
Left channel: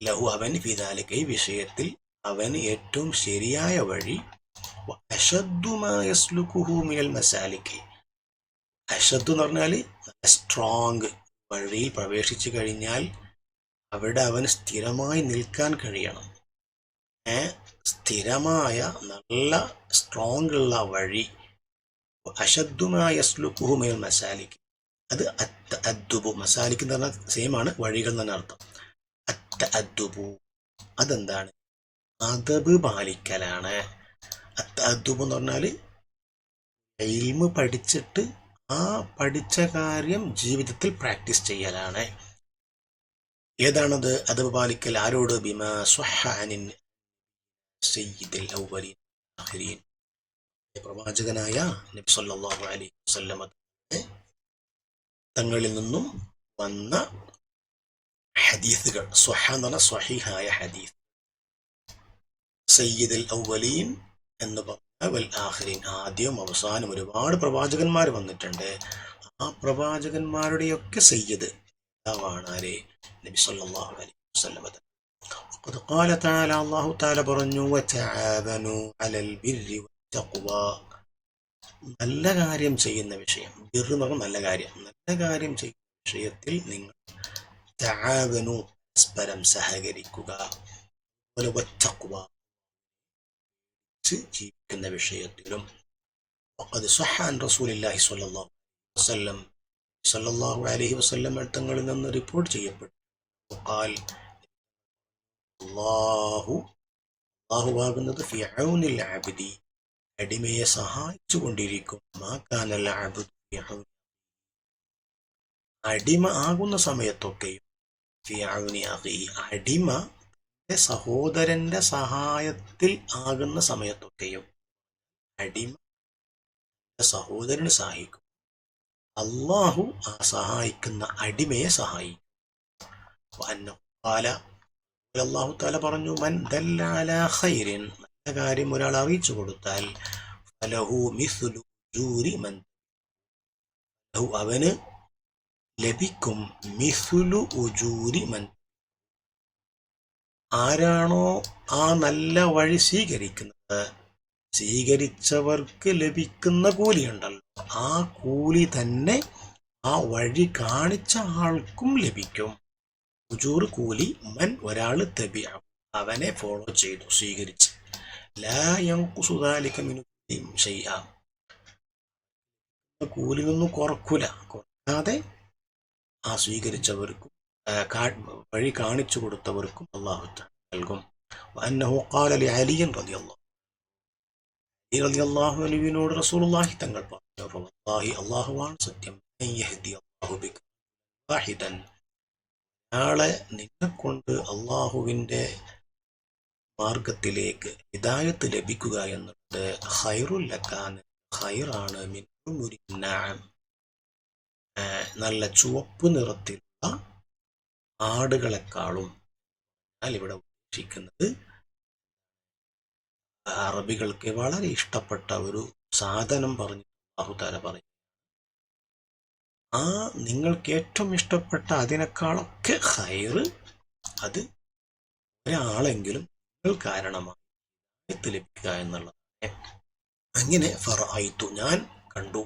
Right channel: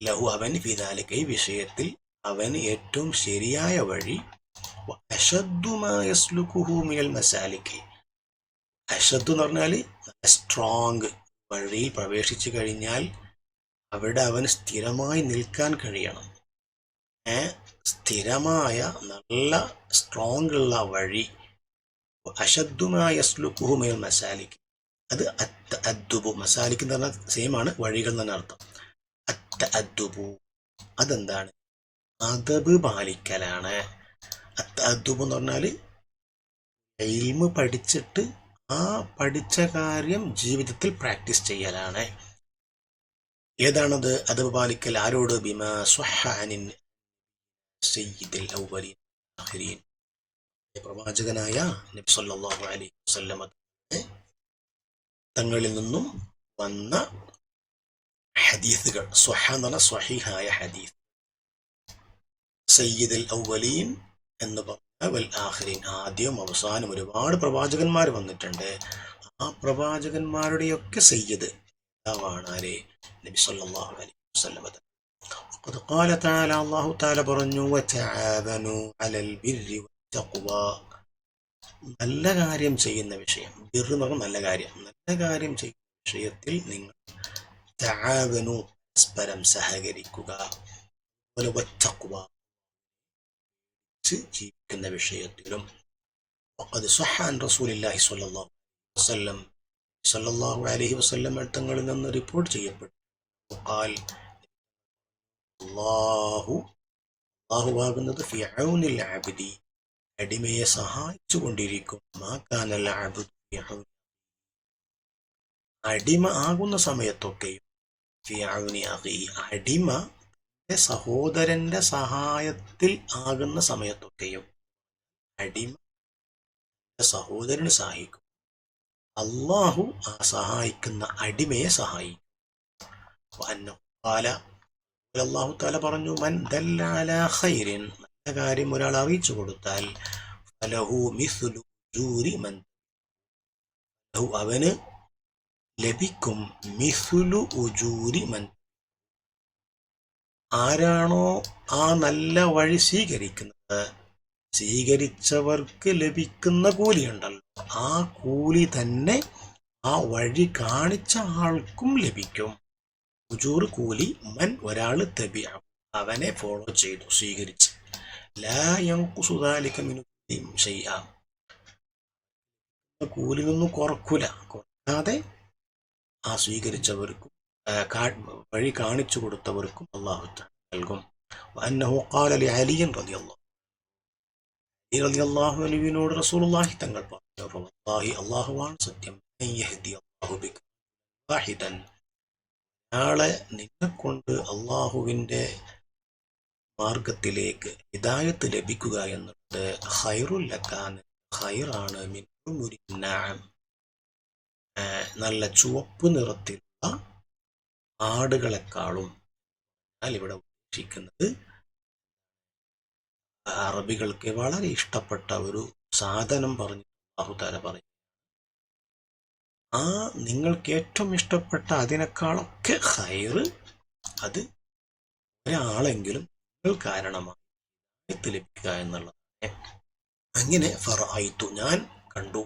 ലഹു അവൻ ഫീ ദാലിക ഈ വിഷയത്തിൽ അവന് ഏറ്റവും ശരിയായ വഴി. അശദ്ദു മാ യസ്ലുകുഹു മിനൽ മസാലിക്, അശദ്ദു എന്ന് പറഞ്ഞാൽ സ്ട്രോങ്, വഴിയിൽ പ്രവേശിച്ചു കഴിഞ്ഞാൽ അവിടെ അവന് സ്ഥിരമായി നിൽക്കാൻ കഴിയണം. സ്ഥിരമായ നല്ല സ്ട്രോങ് ഉള്ള വഴി. അശദ്ദു മാ യസ്ലുകുഹു മിനൽ മസാലിക്, അത് അദ്ദുബു, മസാലിക് എന്ന് പറഞ്ഞാൽ സെയിം ആണ്, വഴികൾ എന്ന് അർത്ഥം. അദ്ദുബു അതെന്താണ്? അദബ് പാലിക്കലാണ്. അദ്ദുബ് എന്ന് പറഞ്ഞാൽ ഇൽമ് പഠിച്ചിട്ട് ആ പഠിച്ച കാര്യം ജീവിതത്തിൽ പ്രാക്ടീസ് ചെയ്യലാണ്. ഏതാണത് അദബ് പാലിക്കൽ? ആരോട്? ബിമാ സ്വഹ അനിൻ സയ്യിദിൽ അവ്വലീൻ ആഖിരീൻ, പ്രവാചകനായ നബി സല്ലല്ലാഹു അലൈഹി വസല്ലം തങ്ങളിൽ നിന്നും വന്ന ഹദീസുകൾ. സ്വഹ എന്ന് പറഞ്ഞാൽ സ്വഹീഹായ ഹദീസ്. സയ്യിദുൽ അവ്വലീൻ എന്ന് പറഞ്ഞാൽ വൽ ആഖിരീൻ, ആദ്യം അവസാനം ഒരുപാട് പ്രവാചകന്മാർ വന്നിട്ടുണ്ട്. ആ പ്രവാചകന്മാരുടെയൊക്കെ സയ്യിദ് ആരെ? നബി സല്ലല്ലാഹു അലൈഹി വസല്ലം. ഖദ് ഖാല തആല, അല്ലാഹു തആല പറഞ്ഞു, വതആവനു അലൽ ബിർരി വത്തഖ്വ, നല്ല കാര്യം ചെയ്യുന്ന വിഷയം, ബിർ എന്ന് പറഞ്ഞാൽ നല്ല കാര്യം, നല്ല കാര്യം ചെയ്യുന്ന വിഷയത്തിൽ നിങ്ങൾ തആവനു പരസ്പരം സഹകരിക്കുക. അതുപോലെ വത്തഖ്വ ജീവിക്കുന്ന വിഷയത്തിലും. وقد صح عن رسول الله صلى الله عليه وسلم, സല്ലല്ലാഹു അലൈഹി വസല്ലം തങ്ങളിൽ നിന്ന് റിപ്പോർട്ട് ചെയ്യപ്പെട്ടു. ഖാൽ, അല്ലാഹുവാകുന്നത് ഫി ഔനിൽ അബ്ദി, അടിമയെ സഹായിച്ചു കൊണ്ടിരിക്കും. മാ കാനൽ അബ്ദു ഫി ഔനി, അടിമ ആകുന്ന സമയത്തൊക്കെയും, ഫി ഔനി അഖീഹി, അടിമ സഹോദരന്റെ സഹായത്തിൽ ആകുന്ന സമയത്തൊക്കെയും അടിമ സഹോദരന് സഹായിക്കും. അള്ളാഹു ആ സഹായിക്കുന്ന അടിമയെ സഹായിക്കും. അല്ലാഹു തആല പറഞ്ഞു, മൻ ദല്ല അലാ ഖൈരിൻ, നല്ല കാര്യം ഒരാൾ അറിയിച്ചു കൊടുത്താൽ, ഫലഹു മിസ്ലു ഉജൂരി മൻ, അവന് ലഭിക്കും മിസ്ലു ഉജൂരി മൻ, ആരാണോ ആ നല്ല വഴി സ്വീകരിക്കുന്നത്, സ്വീകരിച്ചവർക്ക് ലഭിക്കുന്ന കൂലിയുണ്ടല്ലോ, ആ കൂലി തന്നെ ആ വഴി കാണിച്ച ആൾക്കും ലഭിക്കും. ഉജൂർ കൂലി, മൻ ഒരാൾ തബിഅ അവനെ ഫോളോ ചെയ്തു സ്വീകരിച്ച്, ലാ യൻഖുസു ദാലിക മിൻ ഷൈഅ, കൂലിയൊന്നും കുറക്കാതെ ആ സ്വീകരിച്ചവർക്കും വഴി കാണിച്ചു കൊടുത്തവർക്കും അല്ലാഹു തആല നൽകും. വഅന്നഹു ഖാല ലിഅലി റളിയല്ലാഹു അൻഹുവിനോട് റസൂലുള്ളാഹി തങ്ങൾ പറഞ്ഞു, വല്ലാഹി അല്ലാഹുവാണ് സത്യം, യഹ്ദി അല്ലാഹു ബിക വാഹിദൻ, നാളെ നിന്നെക്കൊണ്ട് അല്ലാഹുവിന്റെ മാർഗത്തിലേക്ക് ഹിദായത്ത് ലഭിക്കുക എന്നുള്ളത് ഖൈറുൽ ലക്കാൻ, ഖൈറാണ്, മിൻ ഉമുരി നഅം, നല്ല ചുവപ്പ് നിറത്തിലുള്ള ആടുകളെക്കാളും. എന്നാൽ ഇവിടെ ഉദ്ദേശിക്കുന്നത് അറബികൾക്ക് വളരെ ഇഷ്ടപ്പെട്ട ഒരു സാധനം പറഞ്ഞു അല്ലാഹു തആല പറയും, ആ നിങ്ങൾക്ക് ഏറ്റവും ഇഷ്ടപ്പെട്ട അതിനേക്കാളൊക്കെ ഖൈറ് അത് ഒരാളെങ്കിലും നിങ്ങൾ കാരണമായി ലഭിക്കുക എന്നുള്ളത്. അങ്ങനെ ഫറഅയ്തു ഞാൻ കണ്ടു,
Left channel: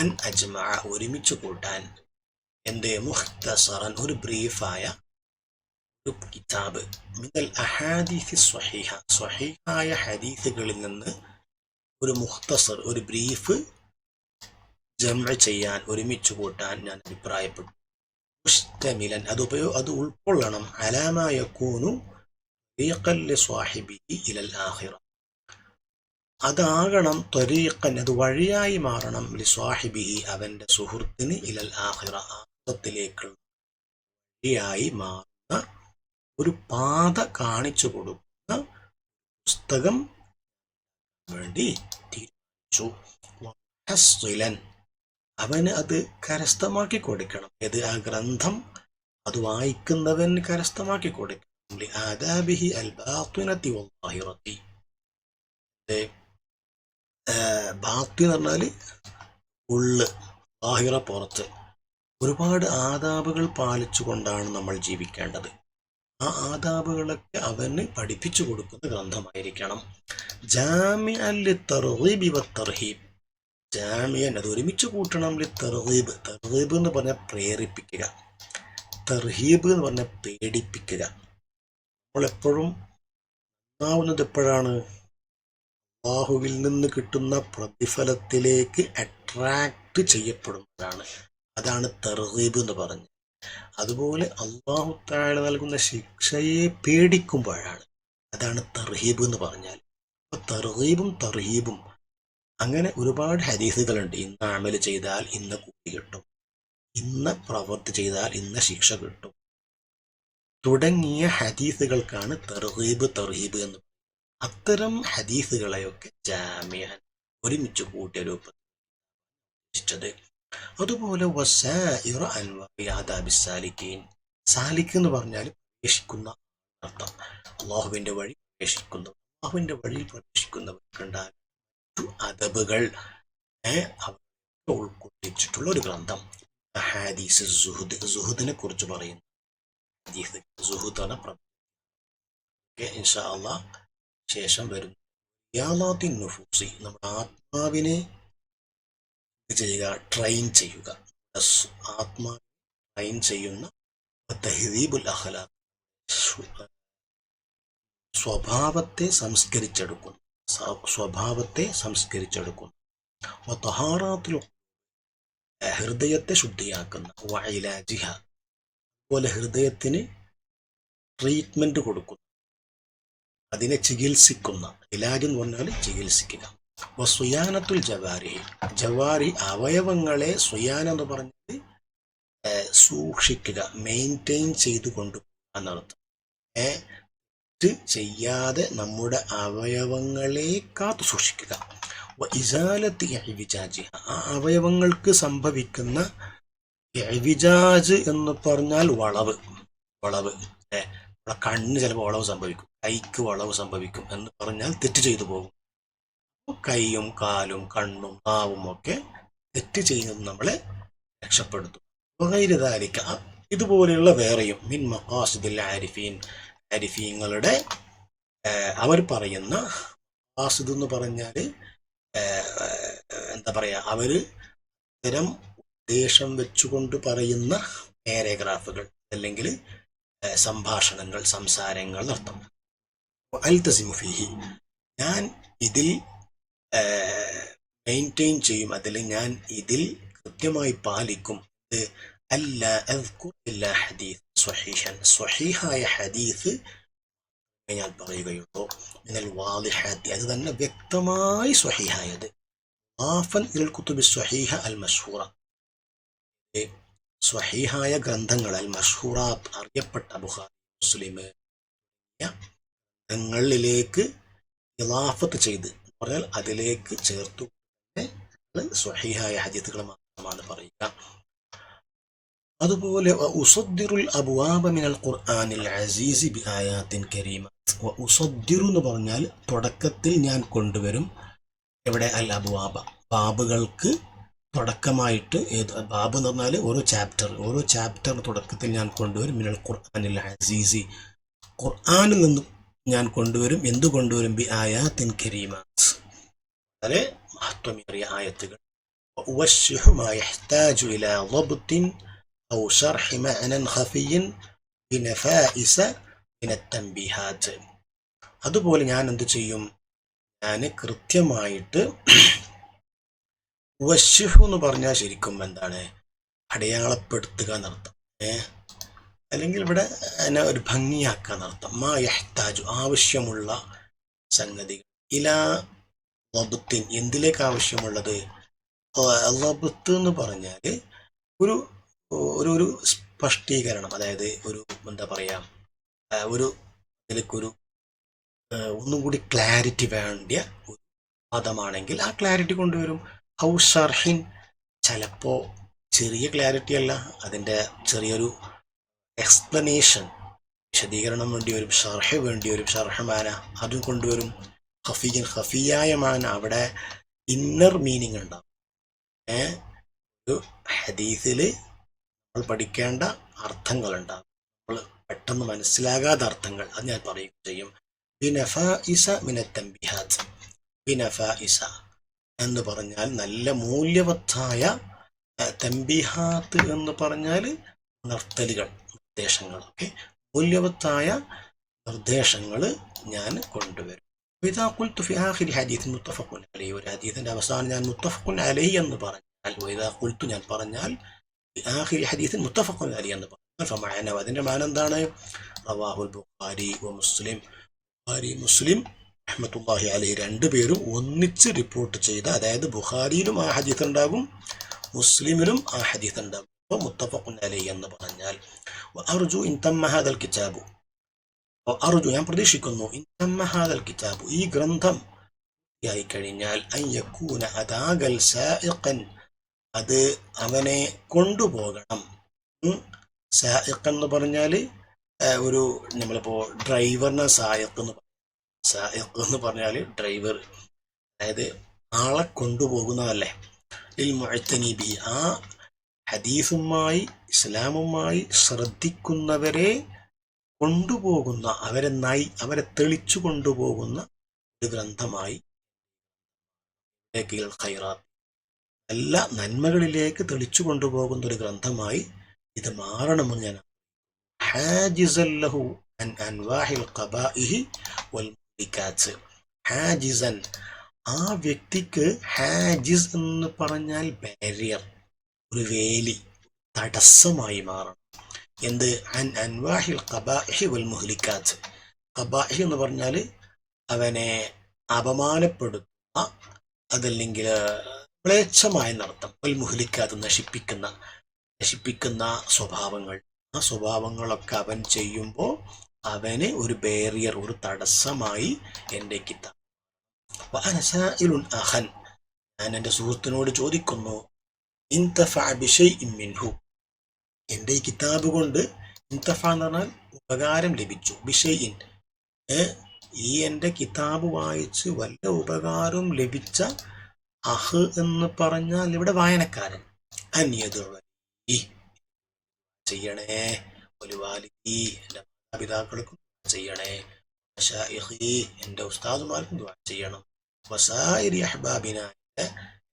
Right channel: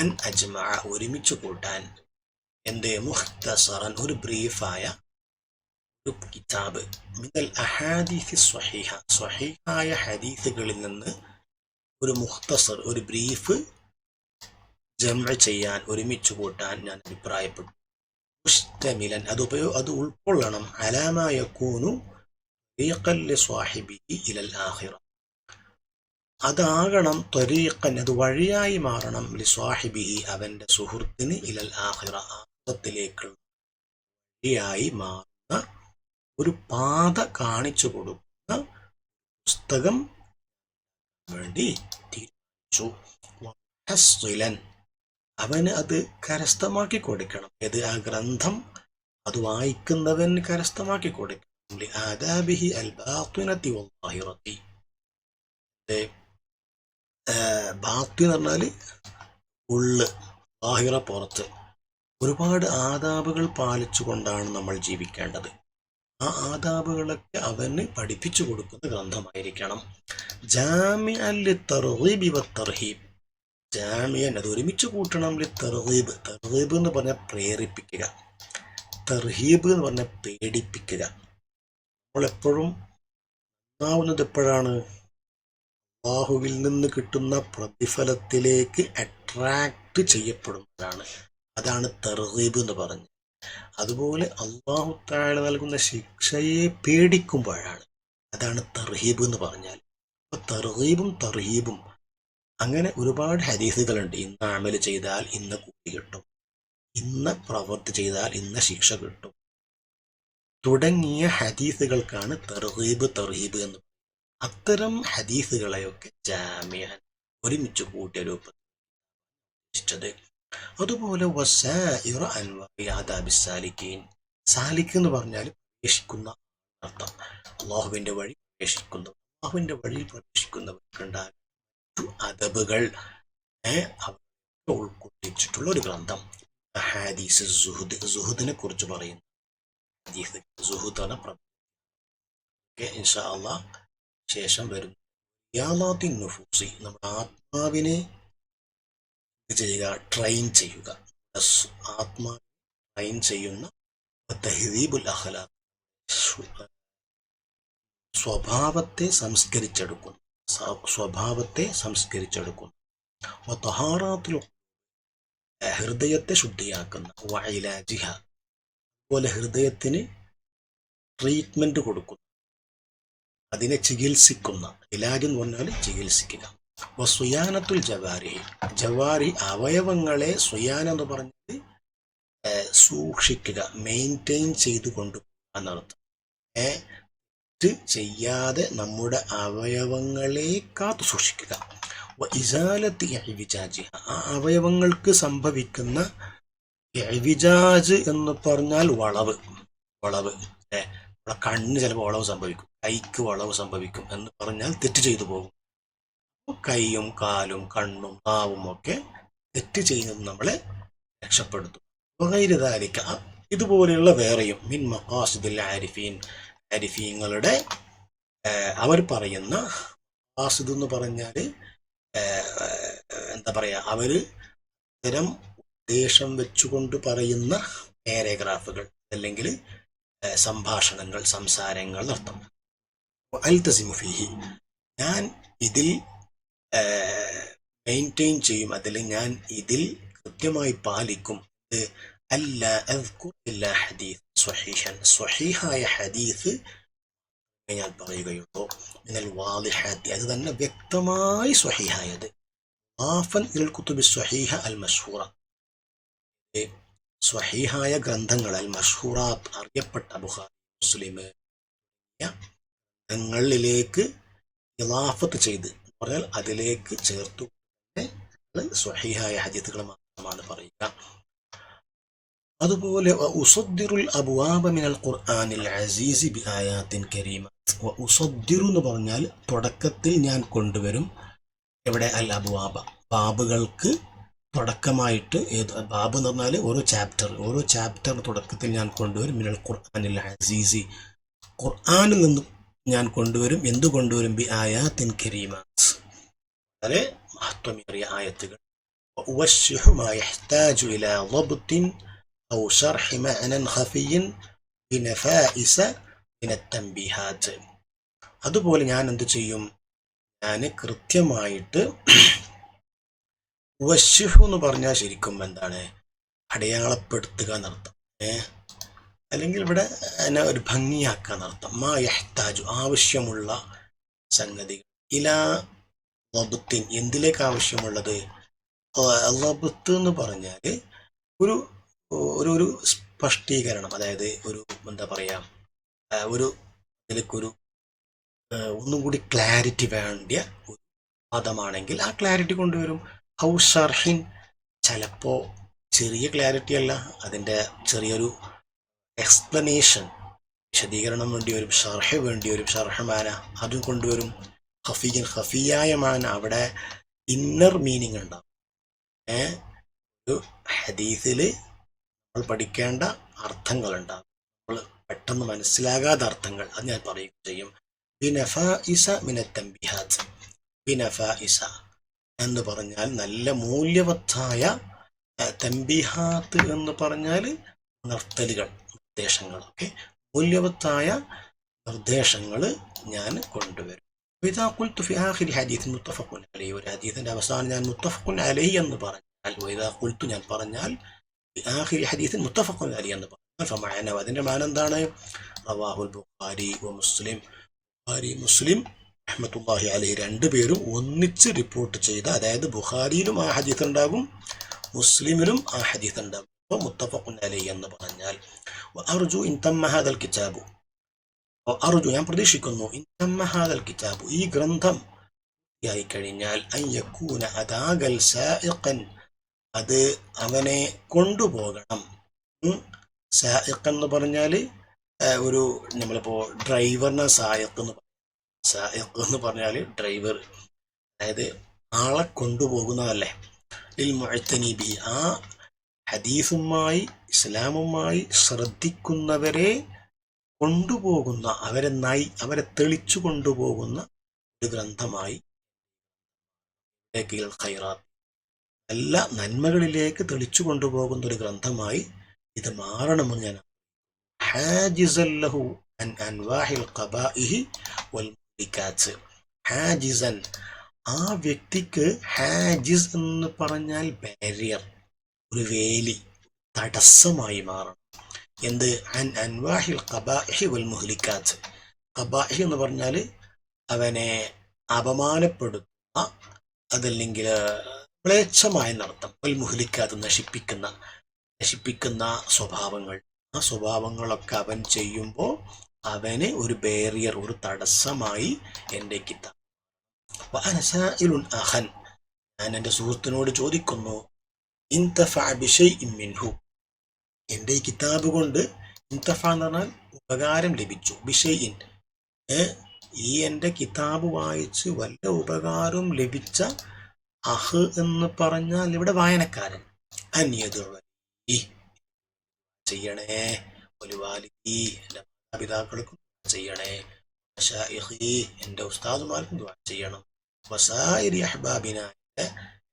അൻ അജ്മഅ ഒരുമിച്ച് കൂട്ടാൻ, എന്റെ മുഖ്തസറൻ ഒരു ബ്രീഫായ ഒരു കിതാബ്, മിനൽ അഹാദീസ് സ്വഹീഹ സ്വഹീഹായ ഹദീസുകളിൽ നിന്ന് ഒരു മുഖ്തസർ ഒരു ബ്രീഫ് ജംഅ ചെയ്യാൻ ഒരുമിച്ച് കൂട്ടാൻ ഞാൻ അഭിപ്രായപ്പെട്ടു. മുസ്തമിലൻ അത് ഉൾക്കൊള്ളണം, അലാമാ യകൂനു ത്വരീഖൻ ലിസ്വാഹിബിഹി ഇലൽ ആഖിറ, അതാകണം ത്വരീഖൻ അത് വഴിയായി മാറണം, ലിസ്വാഹിബിഹി അവന്റെ സുഹൃത്തിന്, ഇലൽ ആഖിറ ആഖിറത്തിലേക്കുള്ള വഴിയായി മാറുന്ന ഒരു പാത കാണിച്ചു കൊടുക്കുന്ന പുസ്തകം വേണ്ടി തീരുമാനിച്ചു. മുഹസ്സിലൻ അവന് അത് കരസ്ഥമാക്കി കൊടുക്കണം, ഏത് ആ ഗ്രന്ഥം അത് വായിക്കുന്നവൻ കരസ്ഥമാക്കി കൊടുക്കണം. ലിആദാബിഹി അൽബാത്തിനതി വൽളാഹിറതി, ബാത്തി എന്ന് പറഞ്ഞാല് ഉള്ള്, ലാഹിറ പുറത്ത്, ഒരുപാട് ആദാബുകൾ പാലിച്ചുകൊണ്ടാണ് നമ്മൾ ജീവിക്കേണ്ടത്. ആ ആദാബുകളൊക്കെ അവന് പഠിപ്പിച്ചു കൊടുക്കുന്ന ഗ്രന്ഥമായിരിക്കണം. ജാമിഅൻ ലിത്തർഗീബി വത്തർഹീബ്, ജാമിയൻ അത് ഒരുമിച്ച് കൂട്ടണം, ലിത്തർഗീബ് തർഗീബ് എന്ന് പറഞ്ഞാൽ പ്രേരിപ്പിക്കുക, തർഹീബ് എന്ന് പറഞ്ഞാൽ പേടിപ്പിക്കുക. നമ്മൾ എപ്പോഴും നന്നാവുന്നത് എപ്പോഴാണ്? അല്ലാഹുവിൽ നിന്ന് കിട്ടുന്ന പ്രതിഫലത്തിലേക്ക് അട്രാക്ട് ചെയ്യപ്പെടുമ്പോഴാണ്. അതാണ് തർഗീബ് എന്ന് പറഞ്ഞത്. അതുപോലെ അല്ലാഹു തആല നൽകുന്ന ശിക്ഷയെ പേടിക്കുമ്പോഴാണ്, അതാണ് തർഹീബ് എന്ന് പറഞ്ഞാൽ. അപ്പൊ തർഗീബും തർഹീബും അങ്ങനെ ഒരുപാട് ഹദീസുകളുണ്ട്. ഇന്ന അമല് ചെയ്താൽ ഇന്ന കൂലി കിട്ടും, ഇന്ന പ്രവൃത്തി ചെയ്താൽ ഇന്ന ശിക്ഷ കിട്ടും തുടങ്ങിയ ഹദീസുകൾക്കാണ് തർഗീബ് തർഹീബ് എന്ന്. അത്തരം ഹദീസുകളെയൊക്കെ ജാമിഅൻ ഒരുമിച്ച് കൂട്ടിയ രൂപത്തിൽ. അതുപോലെ വസായിറ അൻവാഇ ആദാബി സാലിക്കീൻ, സാലിക്ക് എന്ന് പറഞ്ഞാൽ പ്രവേശിക്കുന്ന അർത്ഥം, അള്ളാഹുവിന്റെ വഴി പ്രവേശിക്കുന്നു, അള്ളാഹുവിന്റെ വഴിയിൽ പ്രവേശിക്കുന്നവർക്കുണ്ടാകും അദബുകൾ ഉൾക്കൊള്ളിച്ചിട്ടുള്ള ഒരു ഗ്രന്ഥം. ഹദീസ് സുഹുദ്, സുഹുദിനെ കുറിച്ച് പറയുന്നു. ഹദീസ് സുഹുദ് എന്ന ഇൻഷാ അല്ലാഹ് ശേഷം വരും. റിയാദാത്തിൻ നുഫൂസി, നമ്മുടെ ആത്മാവിനെ ചെയ്യുക, ട്രെയിൻ ചെയ്യുക, ആത്മാവിനെ ട്രെയിൻ ചെയ്യുന്ന തഹ്ദീബുൽ അഖ്ലാഖ്, സ്വഭാവത്തെ സംസ്കരിച്ചെടുക്കുന്നു, സ്വഭാവത്തെ സംസ്കരിച്ചെടുക്കുന്നു. തഹാറാത്തുൽ ഹൃദയത്തെ ശുദ്ധിയാക്കുന്ന, വഇലാജിഹ അതുപോലെ ഹൃദയത്തിന് ട്രീറ്റ്മെന്റ് കൊടുക്കുന്നു, അതിനെ ചികിത്സിക്കുന്ന, ഇലാജ് എന്ന് പറഞ്ഞാൽ ചികിത്സിക്കുക. സ്വയാനത്തുൽ ജവാരിഹി, ജവാരി അവയവങ്ങളെ സ്വയാന എന്ന് പറഞ്ഞാൽ സൂക്ഷിക്കുക, മെയിൻറ്റെയിൻ ചെയ്ത് കൊണ്ടുപോകുക എന്നർത്ഥം. ചെയ്യാതെ നമ്മുടെ അവയവങ്ങളെ കാത്തു സൂക്ഷിക്കുക. ഇസാലത്ത് ഇഅ്വിജാജ്, ആ അവയവങ്ങൾക്ക് സംഭവിക്കുന്ന ഇഅ്വിജാജ് എന്ന് പറഞ്ഞാൽ വളവ്, വളവ് കണ്ണ് ചിലപ്പോൾ വളവ് സംഭവിക്കും, കൈക്ക് വളവ് സംഭവിക്കും എന്ന് പറഞ്ഞാൽ തെറ്റ് ചെയ്തു പോകും. കൈയും കാലും കണ്ണും നാവും ഒക്കെ തെറ്റ് ചെയ്യുന്നത് നമ്മളെ രക്ഷപ്പെടുത്തും. വഗൈറുദാലിക, ഇതുപോലെയുള്ള വേറെയും മിൻ മഖാസിദിൽ ആരിഫീൻ, ആരിഫീങ്ങളുടെ അവർ പറയുന്ന മഖാസിദ് എന്ന് പറഞ്ഞാൽ എന്താ പറയാ, അവര് ഇത്തരം ഉദ്ദേശം വെച്ചുകൊണ്ട് പറയുന്ന പാരഗ്രാഫുകൾ അല്ലെങ്കിൽ സംഭാഷണങ്ങൾ, സംസാരങ്ങൾ അർത്ഥം. അൽതസിമു ഫീഹി, ഞാൻ ഇതിൽ മെയിൻറ്റെയിൻ ചെയ്യും, അതിൽ ഞാൻ ഇതിൽ കൃത്യമായി പാലിക്കും. അല്ല അദ്കുർ ഇല്ലാ ഹദീസ് സ്വഹീഹൻ, സ്വഹീഹായ ഹദീസ് ഞാൻ പറയുകയുള്ളൂ. മിനൽ വാളിഹാത്തി, അത് തന്നെ വ്യക്തമായി സ്വഹീഹായത്. ആഫൻ ഇൽ കുതുബി സ്വഹീഹ അൽ മശ്ഹൂറ, സ്വഹീഹായ ഗ്രന്ഥങ്ങൾ, അൽ മശ്ഹൂറാത്ത് അറിയപ്പെട്ട ബുഖാരി മുസ്ലിം ഗ്രന്ഥങ്ങളിലേക്ക് ഇളാഫത്ത് ചെയ്ത് പറഞ്ഞാൽ അതിലേക്ക് ചേർത്തു സ്വഹീഹായ ഹദീസുകൾ മാത്രമാണ് പറയുക. അതുപോലെ ഉസദ്ദിറുൽ അബ്വാബ മിനൽ ഖുർആനിൽ അസീസി ബി ആയാത്തിൻ കരീമ. ഉസദ്ദിറു എന്ന് പറഞ്ഞാൽ തുടക്കത്തിൽ ഞാൻ കൊണ്ടുവരും. എവിടെ? അൽ അബ്വാബ, ബാബുകൾക്ക് തുടക്കമായിട്ട്. ബാബ് എന്ന് പറഞ്ഞാൽ ഓരോ ചാപ്റ്റർ തുടക്കത്തിൽ ഞാൻ കൊണ്ടുവരും. മിനൽ ഖുർആനിൽ അസീസി, ഖുർആനിൽ നിന്ന് ഞാൻ കൊണ്ടുവരും. എന്ത് കൊണ്ടുവരും? ബി ആയാത്തിൻ കരീമ, വളരെ മഹത്വമേറിയ ആയത്തുകൾ. ഉവശ്ശിഹു മാ യഹ്താജു ഇലാ ളബ്തിൻ ഔ ശർഹി മഅനൻ ഖഫിയ്യിൻ ബിനഫായിസ മിനത് തൻബീഹാത്ത്. അതുപോലെ ഞാൻ എന്ത് ചെയ്യും? ഞാൻ കൃത്യമായിട്ട്, വശിഫു എന്ന് പറഞ്ഞാൽ ശരിക്കും എന്താണ്? അടയാളപ്പെടുത്തുക എന്നർത്ഥം. അല്ലെങ്കിൽ ഇവിടെ എന്നെ ഒരു ഭംഗിയാക്കുക എന്നർത്ഥം. മാ യഹ്താജു, ആവശ്യമുള്ള സംഗതികൾ. ഇലാ ലബ്ത്തിൻ, എന്തിലേക്ക് ആവശ്യമുള്ളത്? ലബ്ത്ത് എന്ന് പറഞ്ഞാൽ ഒരു ഒരു സ്പഷ്ടീകരണം, അതായത് ഒരു എന്താ പറയാ, ഒരു ഇതിലേക്കൊരു ഒന്നും കൂടി ക്ലാരിറ്റി വേണ്ടിയ ഒരു പദമാണെങ്കിൽ ആ ക്ലാരിറ്റി കൊണ്ടുവരും. ഔ ഷർഹിൻ, ചിലപ്പോ ചെറിയ ക്ലാരിറ്റി അല്ല, അതിന്റെ ചെറിയൊരു എക്സ്പ്ലനേഷൻ, വിശദീകരണം വേണ്ടി വരും. ഷർഹ് വേണ്ടി വരും, ഷർഹമാന അതും കൊണ്ടുവരും. ഖഫിയൻ, ഖഫിയായ മാന, അവിടെ ഇന്നർ മീനിങ് ഉണ്ടാവും. ഒരു ഹദീസിൽ നമ്മൾ പഠിക്കേണ്ട അർത്ഥങ്ങളുണ്ടാകും, നമ്മൾ പെട്ടെന്ന് മനസ്സിലാകാത്ത അർത്ഥങ്ങൾ, അത് ഞാൻ പറയുകയും ചെയ്യും. ബിനഫായിസ മിനത് തൻബീഹാത്ത്. ബിനഫായിസ എന്ന് പറഞ്ഞാൽ നല്ല മൂല്യവത്തായ, തൻബീഹാത്ത് എന്ന് പറഞ്ഞാൽ നിർത്തലുകൾ, നിർദ്ദേശങ്ങൾ. മൂല്യവത്തായ നിർദ്ദേശങ്ങൾ ഞാൻ കൊണ്ടുവരും. ഇദാ ഖുൽതു ഫി ആഖിരി ഹദീസിൻ മുത്തഫഖുൻ അലൈഹി, ഒരു ഹദീസിന്റെ അവസാനം ഞാൻ മുത്തഫഖുൻ അലൈഹി എന്ന് പറഞ്ഞാൽ, ഇദാ ഖുൽതു ഞാൻ പറഞ്ഞാൽ ഫി ആഖിരി ഹദീസിൻ മുത്തഫഖുൻ അലൈഹി എന്ന് പറഞ്ഞാൽ, ഫമഅന, അതിന്റെ മാന എന്താണ്? റവാഹുൽ ബുഖാരി വ മുസ്ലിം, ബുഖാരി മുസ്ലിം റഹ്മത്തുള്ളാഹി അലൈഹി രണ്ടുപേരും ഒന്നിച്ച് റിപ്പോർട്ട് ചെയ്ത, അതായത് ബുഖാരിയിലും ആ ഹദീസ് ഉണ്ടാകും, മുസ്ലിമിലും ആ ഹദീസ് ഉണ്ടാകും. അപ്പോൾ മുത്തഫഖുൻ അലൈഹി എന്ന് പറഞ്ഞാൽ, അർജു ഇൻ തമ്മ ഹാദൽ കിതാബു, അർജു ഞാൻ പ്രതീക്ഷിക്കുന്നു, ഇൻ തമ്മ ഹാദൽ കിതാബു, ഈ ഗ്രന്ഥം ആയി കഴിഞ്ഞാൽ, അൻ യകൂന അദാഗൽ സായിഖൻ, അത് അവനെ കൊണ്ടുപോകണം. സായിഖ് എന്ന് പറഞ്ഞാൽ ഒരു, നമ്മളിപ്പോ ഡ്രൈവറിനെ സായിഖ് എന്ന് പറഞ്ഞാൽ ഡ്രൈവർ, അതായത് ആളെ കൊണ്ടുപോകുന്നതല്ലേ. ലിൽ മുഅ്തനി ബി, ആ ഹദീസുമായി ഇസ്ലാമുമായി ശ്രദ്ധിക്കുന്നവരെ കൊണ്ടുപോകുന്ന, അവരെ തെളിച്ചു കൊണ്ടുപോകുന്ന ഒരു ഗ്രന്ഥമായി, ഖൈറാത്ത്, എല്ലാ നന്മകളിലേക്ക് തെളിച്ചു കൊണ്ടുപോകുന്ന ഒരു ഗ്രന്ഥമായി ഇത് മാറണമെന്ന് ഞാൻ. ഹാജിസൻ ലഹു അൻ അൻവാഹിൽ ഖബാഇഹി വൽ മുഹ്ലികാത്ത്. ഹാജിസൻ, ആ വ്യക്തിക്ക്, ഹാജിസ് എന്ന് പറഞ്ഞാൽ ബാരിയർ, ഒരു വേലി, തടസ്സമായി മാറണം. എന്ത്? അൻ അൻവാഹിൽ ഖബാഇഹി വൽ മുഹ്ലികാത്ത്. ഖബാഇഹ് എന്ന് പറഞ്ഞാൽ അവനെ അപമാനപ്പെടുത്തുന്ന, അതല്ലെങ്കിൽ മ്ലേച്ഛമായ നടത്തം. വൽ മുഹ്ലികാത്ത്, നശിപ്പിക്കുന്ന സ്വഭാവങ്ങൾ. ആ സ്വഭാവങ്ങളൊക്കെ അവൻ ചെയ്യുമ്പോൾ അവന് ഒരു ബാരിയർ, ഒരു തടസ്സമായി എൻ്റെ കിതാബ്. വഅനസായിലുൻ അഖൻ, ഞാൻ എൻ്റെ സുഹൃത്തിനോട് ചോദിക്കുന്നു, ഇൻതഫഅ ബിശൈഇൻ മിൻഹു, എൻ്റെ ഈ കിതാബ് കൊണ്ട്, ഇൻതഫ എന്ന് പറഞ്ഞാൽ ഉപകാരം ലഭിച്ചു, ബിശൈഇൻ, ഈ എൻ്റെ കിതാബ് വായിച്ച് വല്ല ഉപകാരം ലഭിച്ച, അഹ് എന്ന് പറഞ്ഞാൽ ഇവിടെ വായനക്കാരൻ, അന്യതു ചെയ്യണേ, ഒരു വാലിദി, എൻ്റെ മാതാപിതാക്കൾക്കും ചെയ്യണേ, മശായിഖി, എൻ്റെ ഉസ്താദുമാർക്കും ദുആ ചെയ്യണം, വസായിരി അഹ്ബാബിന,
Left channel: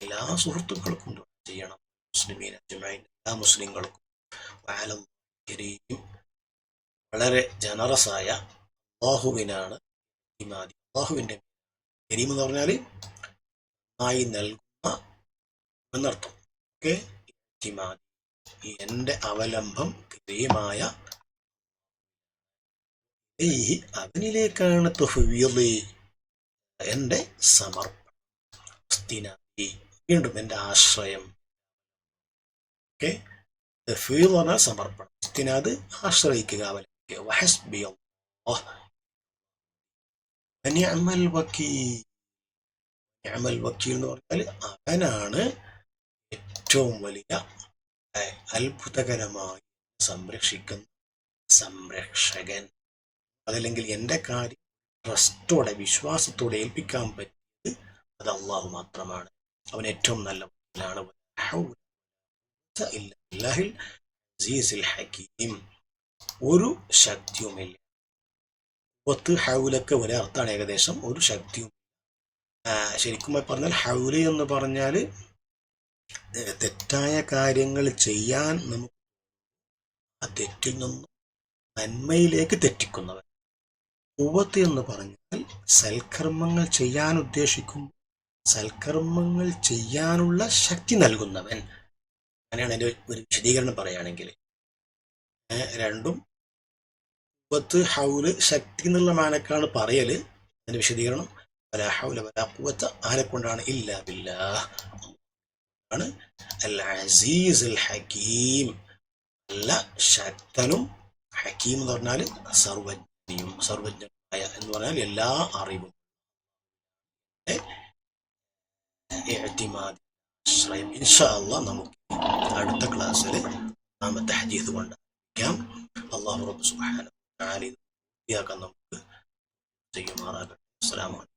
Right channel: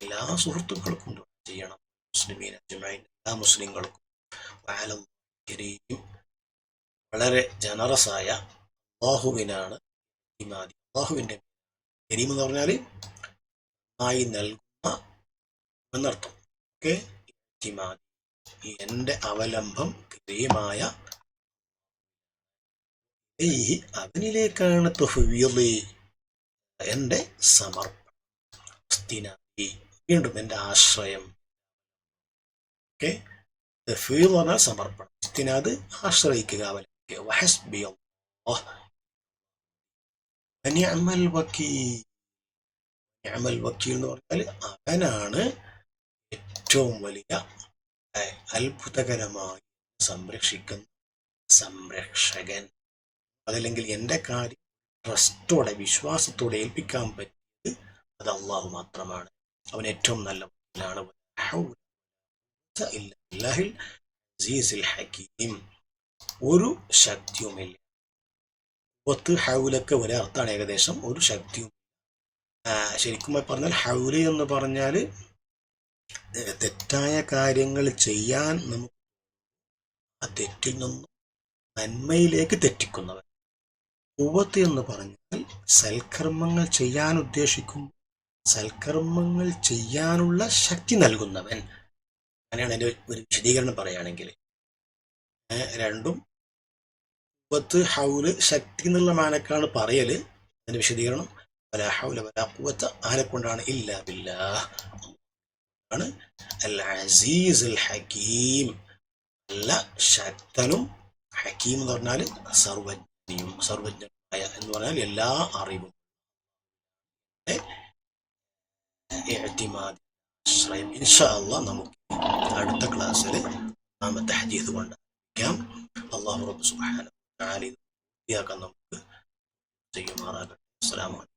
എല്ലാ സുഹൃത്തുക്കൾക്കും ദുആ ചെയ്യണം, മുസ്ലിമീന ജമഈൻ, എല്ലാ മുസ്ലിങ്ങൾക്കും. വളരെ ജനറസായ അല്ലാഹുവിനാണ് ഇമാദി, അല്ലാഹുവിന്റെ കരീം എന്ന് പറഞ്ഞാൽ ആയി നൽകുന്ന എന്നർത്ഥം. എന്റെ അവലംബം കരീമായ, അവനിലേക്കാണ് തഫ്വീളി, എന്റെ സമർപ്പണം, വീണ്ടും എന്റെ ആശ്രയം. തഫ്വീൾ എന്ന് പറഞ്ഞാൽ സമർപ്പണം, ഇസ്തിനാദ് ആശ്രയിക്കുക, അവലംബിക്കുക. വഹസ്ബി അല്ലാഹ് വനിഅമൽ വകീൽ, നിഅമൽ വകീൽ എന്ന് പറഞ്ഞാൽ അവനാണ് ഏറ്റവും വലിയ അത്ഭുതകരമായി സംരക്ഷിക്കുന്ന സംരക്ഷകൻ. അതല്ലെങ്കിൽ എൻ്റെ കാര്യം ട്രസ്റ്റോടെ വിശ്വാസത്തോടെ ഏൽപ്പിക്കാൻ പറ്റിയത് അത് അള്ളാഹു മാത്രമാണ്. അവൻ ഏറ്റവും നല്ലവനാണ്. ഒരു ശക്തിയുമില്ല. ഹൗലൊക്കെ ഒരേ അർത്ഥമാണ് ഏകദേശം. ഒരു ശക്തിയും ശരിക്കും പറഞ്ഞാൽ ഹൗല് എന്ന് പറഞ്ഞാൽ തെറ്റായ കാര്യങ്ങൾ ചെയ്യാൻ നമുക്ക് ആ തെറ്റിൽ നിന്നും നന്മയിലേക്ക് തെറ്റിക്കുന്നവൻ. ഖുവ്വത്ത് എന്ന് പറഞ്ഞാൽ സൽക്കർമ്മങ്ങൾ ചെയ്യാൻ ഉദ്ദേശിക്കും, സൽക്കർമ്മങ്ങൾ ചെയ്യാനുള്ള ശക്തി നൽകുന്നവൻ. അങ്ങനെയാണ് എൻ്റെ ഒരു വിശദീകരണം പറയുകയാണെങ്കിൽ. രണ്ടും ഖുവ്വത്ത് ഹൗല് ശക്തി എന്നുള്ള മാനക്കാണ് പറയല്. അതിന്റെ വിശദീകരണം വലാ ഹൗല വലാ ഖുവ്വത ആരെക്കൊണ്ടാണ് ഇല്ലാ ബില്ലാഹ് ആണ്. അൽ അസീസ് അൽ ഹകീം, നല്ല ശക്തനും, ഹക്കീം എന്ന് പറഞ്ഞാൽ സർവജ്ഞയും സർവജ്ഞനായ എന്ന് പറഞ്ഞാൽ എല്ലാ അറിവും. ഇൻഷാ അല്ലാഹ് നമുക്ക് അടുത്ത ക്ലാസ്സിൽ നാമത്തെ ഹദീസ് കൊണ്ടായിരിക്കാം. അല്ലാഹു റബ്ബ് സുബ്ഹാനഹു വ തആല നമുക്ക് ചെയ്യുമാറാകട്ടെ. അസ്സലാമു അലൈക്കും.